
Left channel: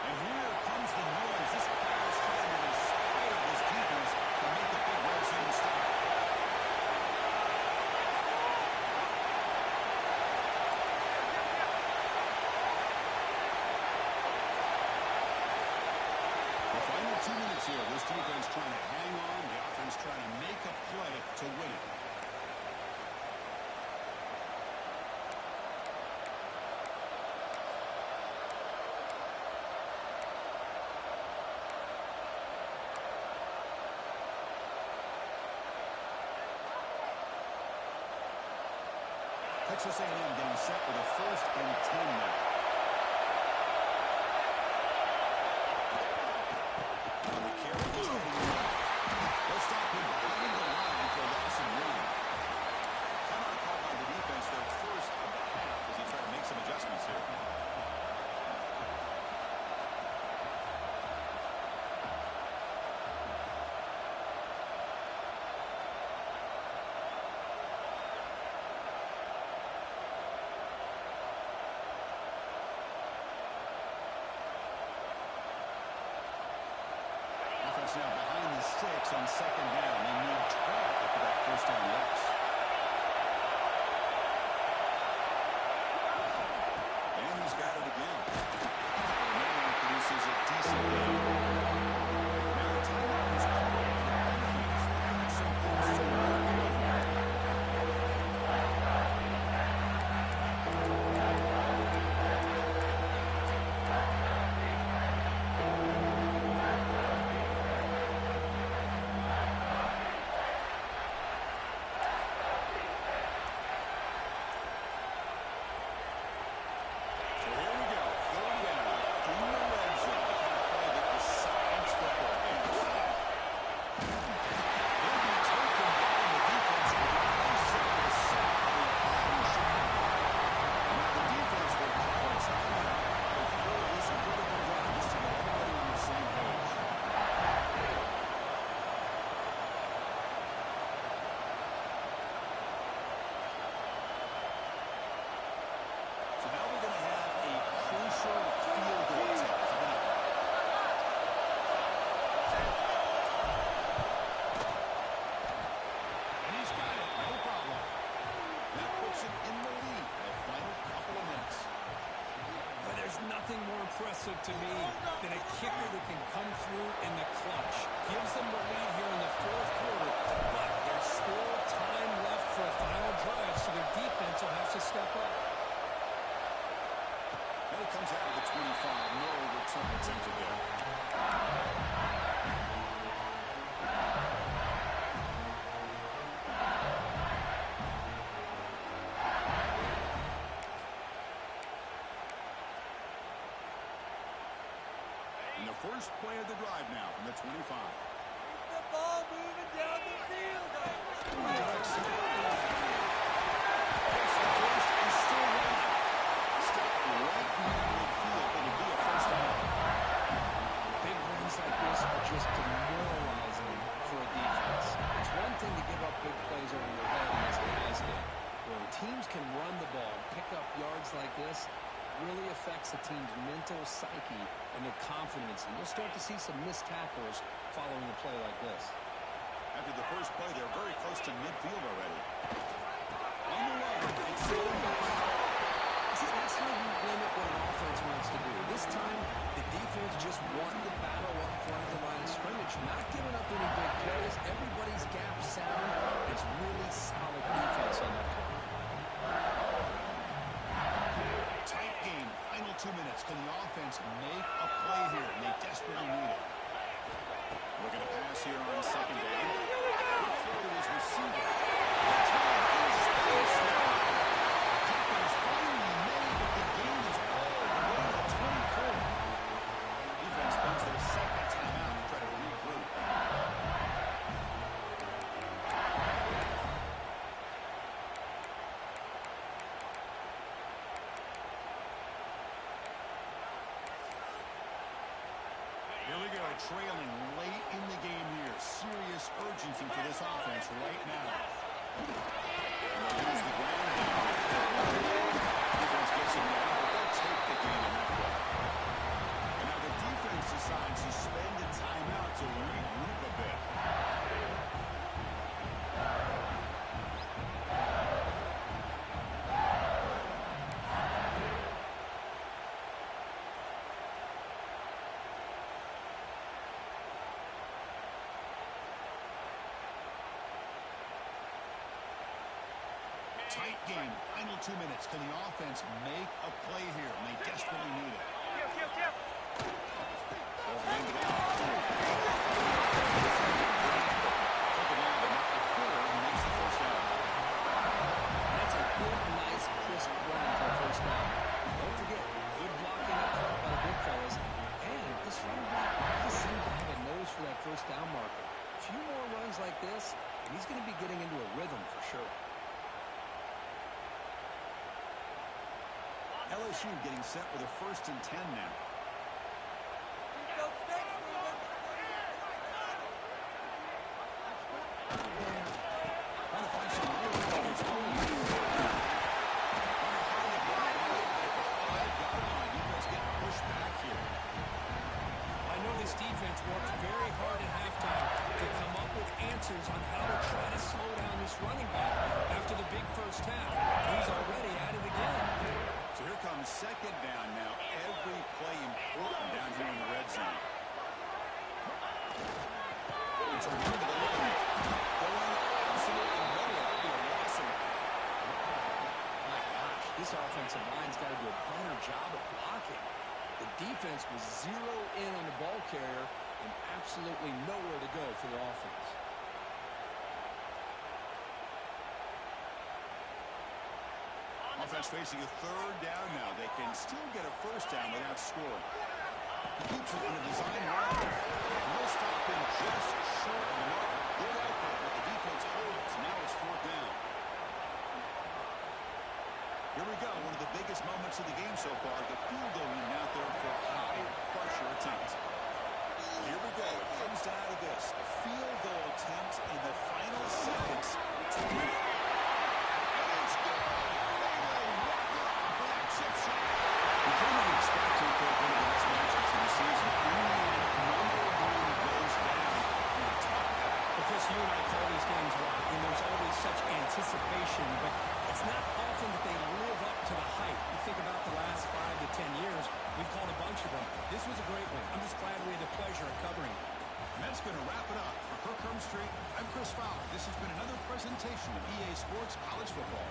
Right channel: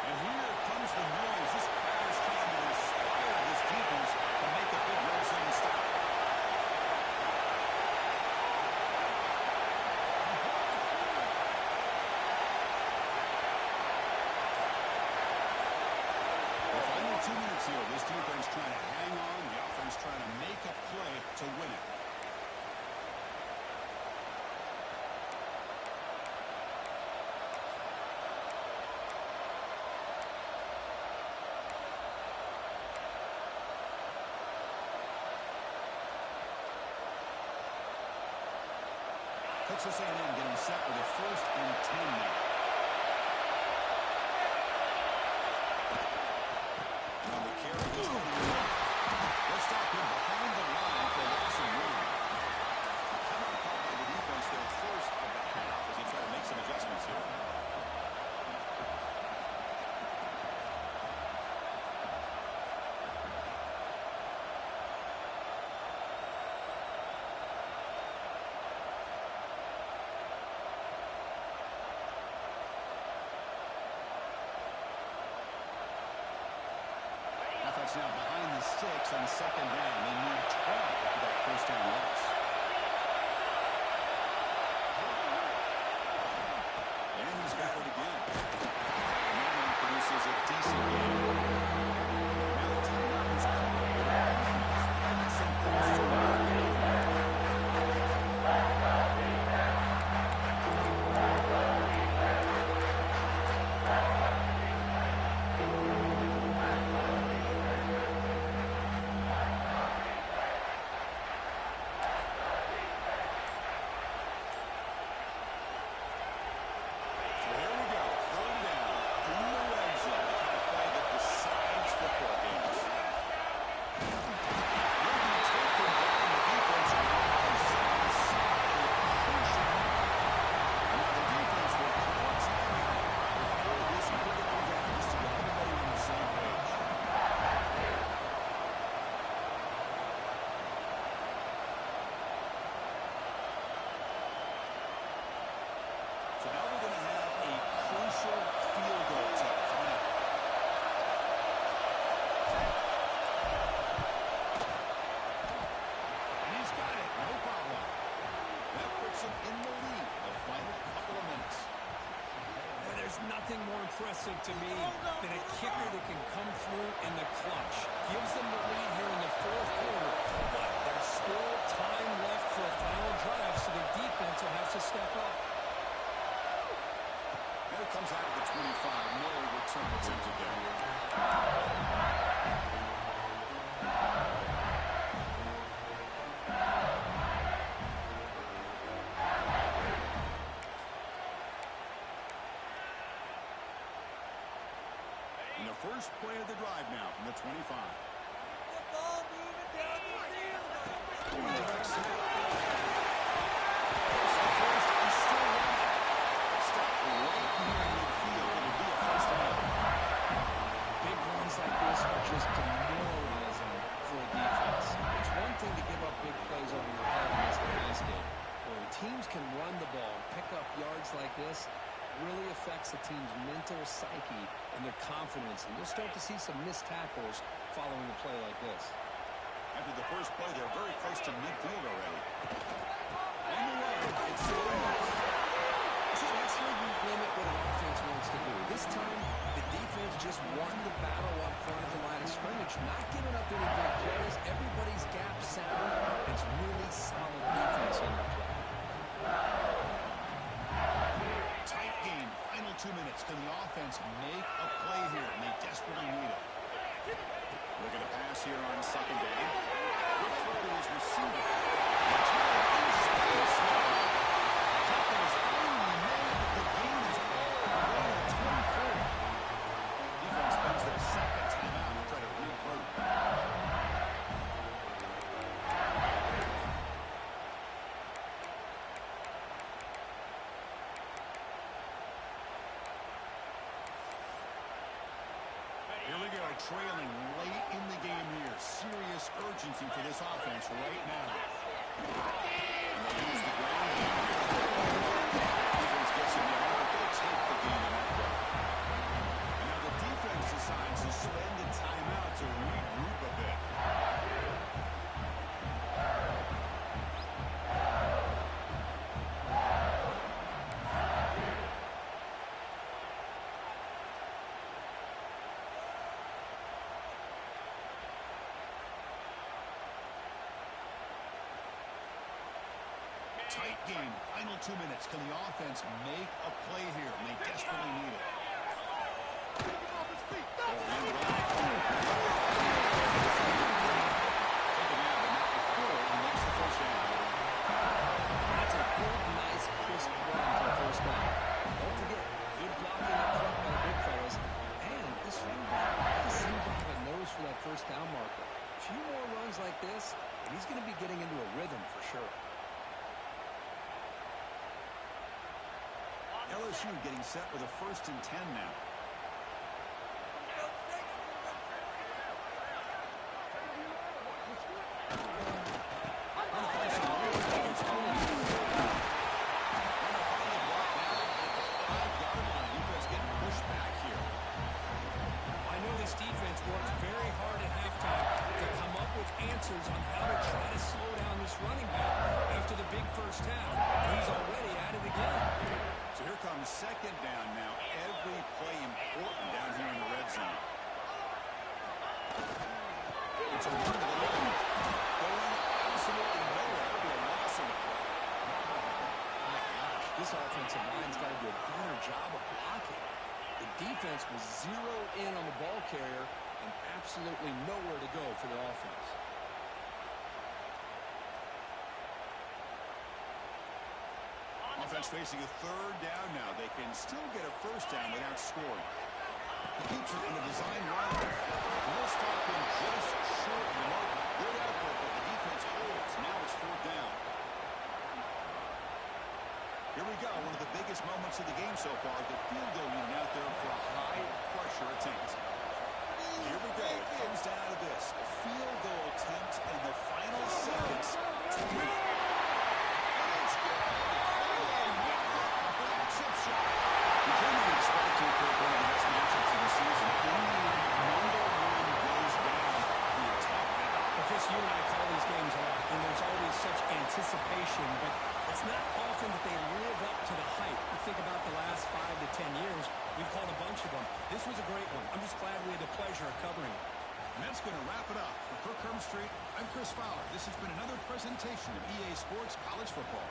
And here comes the noise. This crowd is trying to inspire this defense to make a big red zone stop. The final 2 minutes here. This defense trying to hang on. The offense trying to make a play to win it. Texas A&M getting set with a first and 10 now. On the carry, he's heading left. They'll stop him behind the line for a loss and 1. Timeout called by the defense, their first of the half, as he tried to make some adjustments here. Offense now behind the 6 on second down. They need 12 after that first down loss. And he's got it again. And that one produces a decent game. Now the timeout is called. nothing more impressive to me than a kicker that can come through in the clutch. Gives them the lead here in the fourth quarter, but there's still time left for a final drive, so their defense will have to step up. And it comes out of the 25. No return attempted there. And the first play of the drive now from the 25. The ball moving down the field. It's the first and still running. Stop right near midfield. It'll be a first down. Big runs like this are just demoralizing for a defense. It's one thing to give up big plays over your head in this pass game. When teams can run the ball and pick up yards like this, really affects the team's mental psyche and their confidence. And you'll start to see some missed tackles following a play like this. After the first play, they're very close to midfield already. On the run, it's Williams. See, that's how you limit what an offense wants to do. This time, the defense just won the battle up front at the line of scrimmage, not giving up any big plays. Everybody's gap sound. It's really solid defense on that play. Tight game. Final 2 minutes. Can the offense make a play here? And they desperately need it. Looking to pass here on second down. Quick throw to his receiver. Touchdown in space. Tackle is finally made, but the gain is all the way to the 24. Defense spends their second timeout to try to regroup. Here we go, trailing late in the game here. Serious urgency for this offense right now. And they'll use the ground game here. Defense gets him down, but they'll take the gain in that play. And now the defense decides to spend a timeout to regroup a bit. Tight game. Final 2 minutes. Can the offense make a play here? And they desperately need it. They'll hand it off. Take it now, but not before he makes the first down. That's a good, nice, crisp run for a first down. Don't forget, good blocking up front by the big fellas. And this running back just seems to have a nose for that first down marker. A few more runs like this, and he's going to be getting into a rhythm for sure. LSU getting set with a 1st and 10 now. This defense works very hard at halftime to come up with answers on how to try to slow down this running back after the big first half. He's already at it again. So here comes second down now. Every play important down here in the red zone. It's a run to the line. Going absolutely nowhere. That'll be a loss of it. My gosh, this offensive line's got to do a better job of blocking. The defense was zero in on the ball carrier and absolutely nowhere to go for their offense. Offense facing a third down now. They can still get a first down without scoring. He keeps it in a design run. We'll stop him just short of the mark. Good effort, but the defense holds. Now it's fourth down. Here we go. One of the biggest moments of the game so far. The field goal unit out there for a high-pressure attempt. Here we go. It comes down to this. A field goal attempt in the final seconds to win. And it's good. For that chip shot. We can't even expect to pick one of the best matchups of the season. Only number one goes down in a tough battle. Well, Chris, you and I call these games a lot, and there's always such anticipation, but it's not often that they live up to the hype. You think about the last 5 to 10 years, we've called a bunch of them. This was a great one. I'm just glad we had the pleasure of covering it. And that's going to wrap it up. For Kirk Herbstreit, I'm Chris Fowler. This has been another presentation of EA Sports College Football.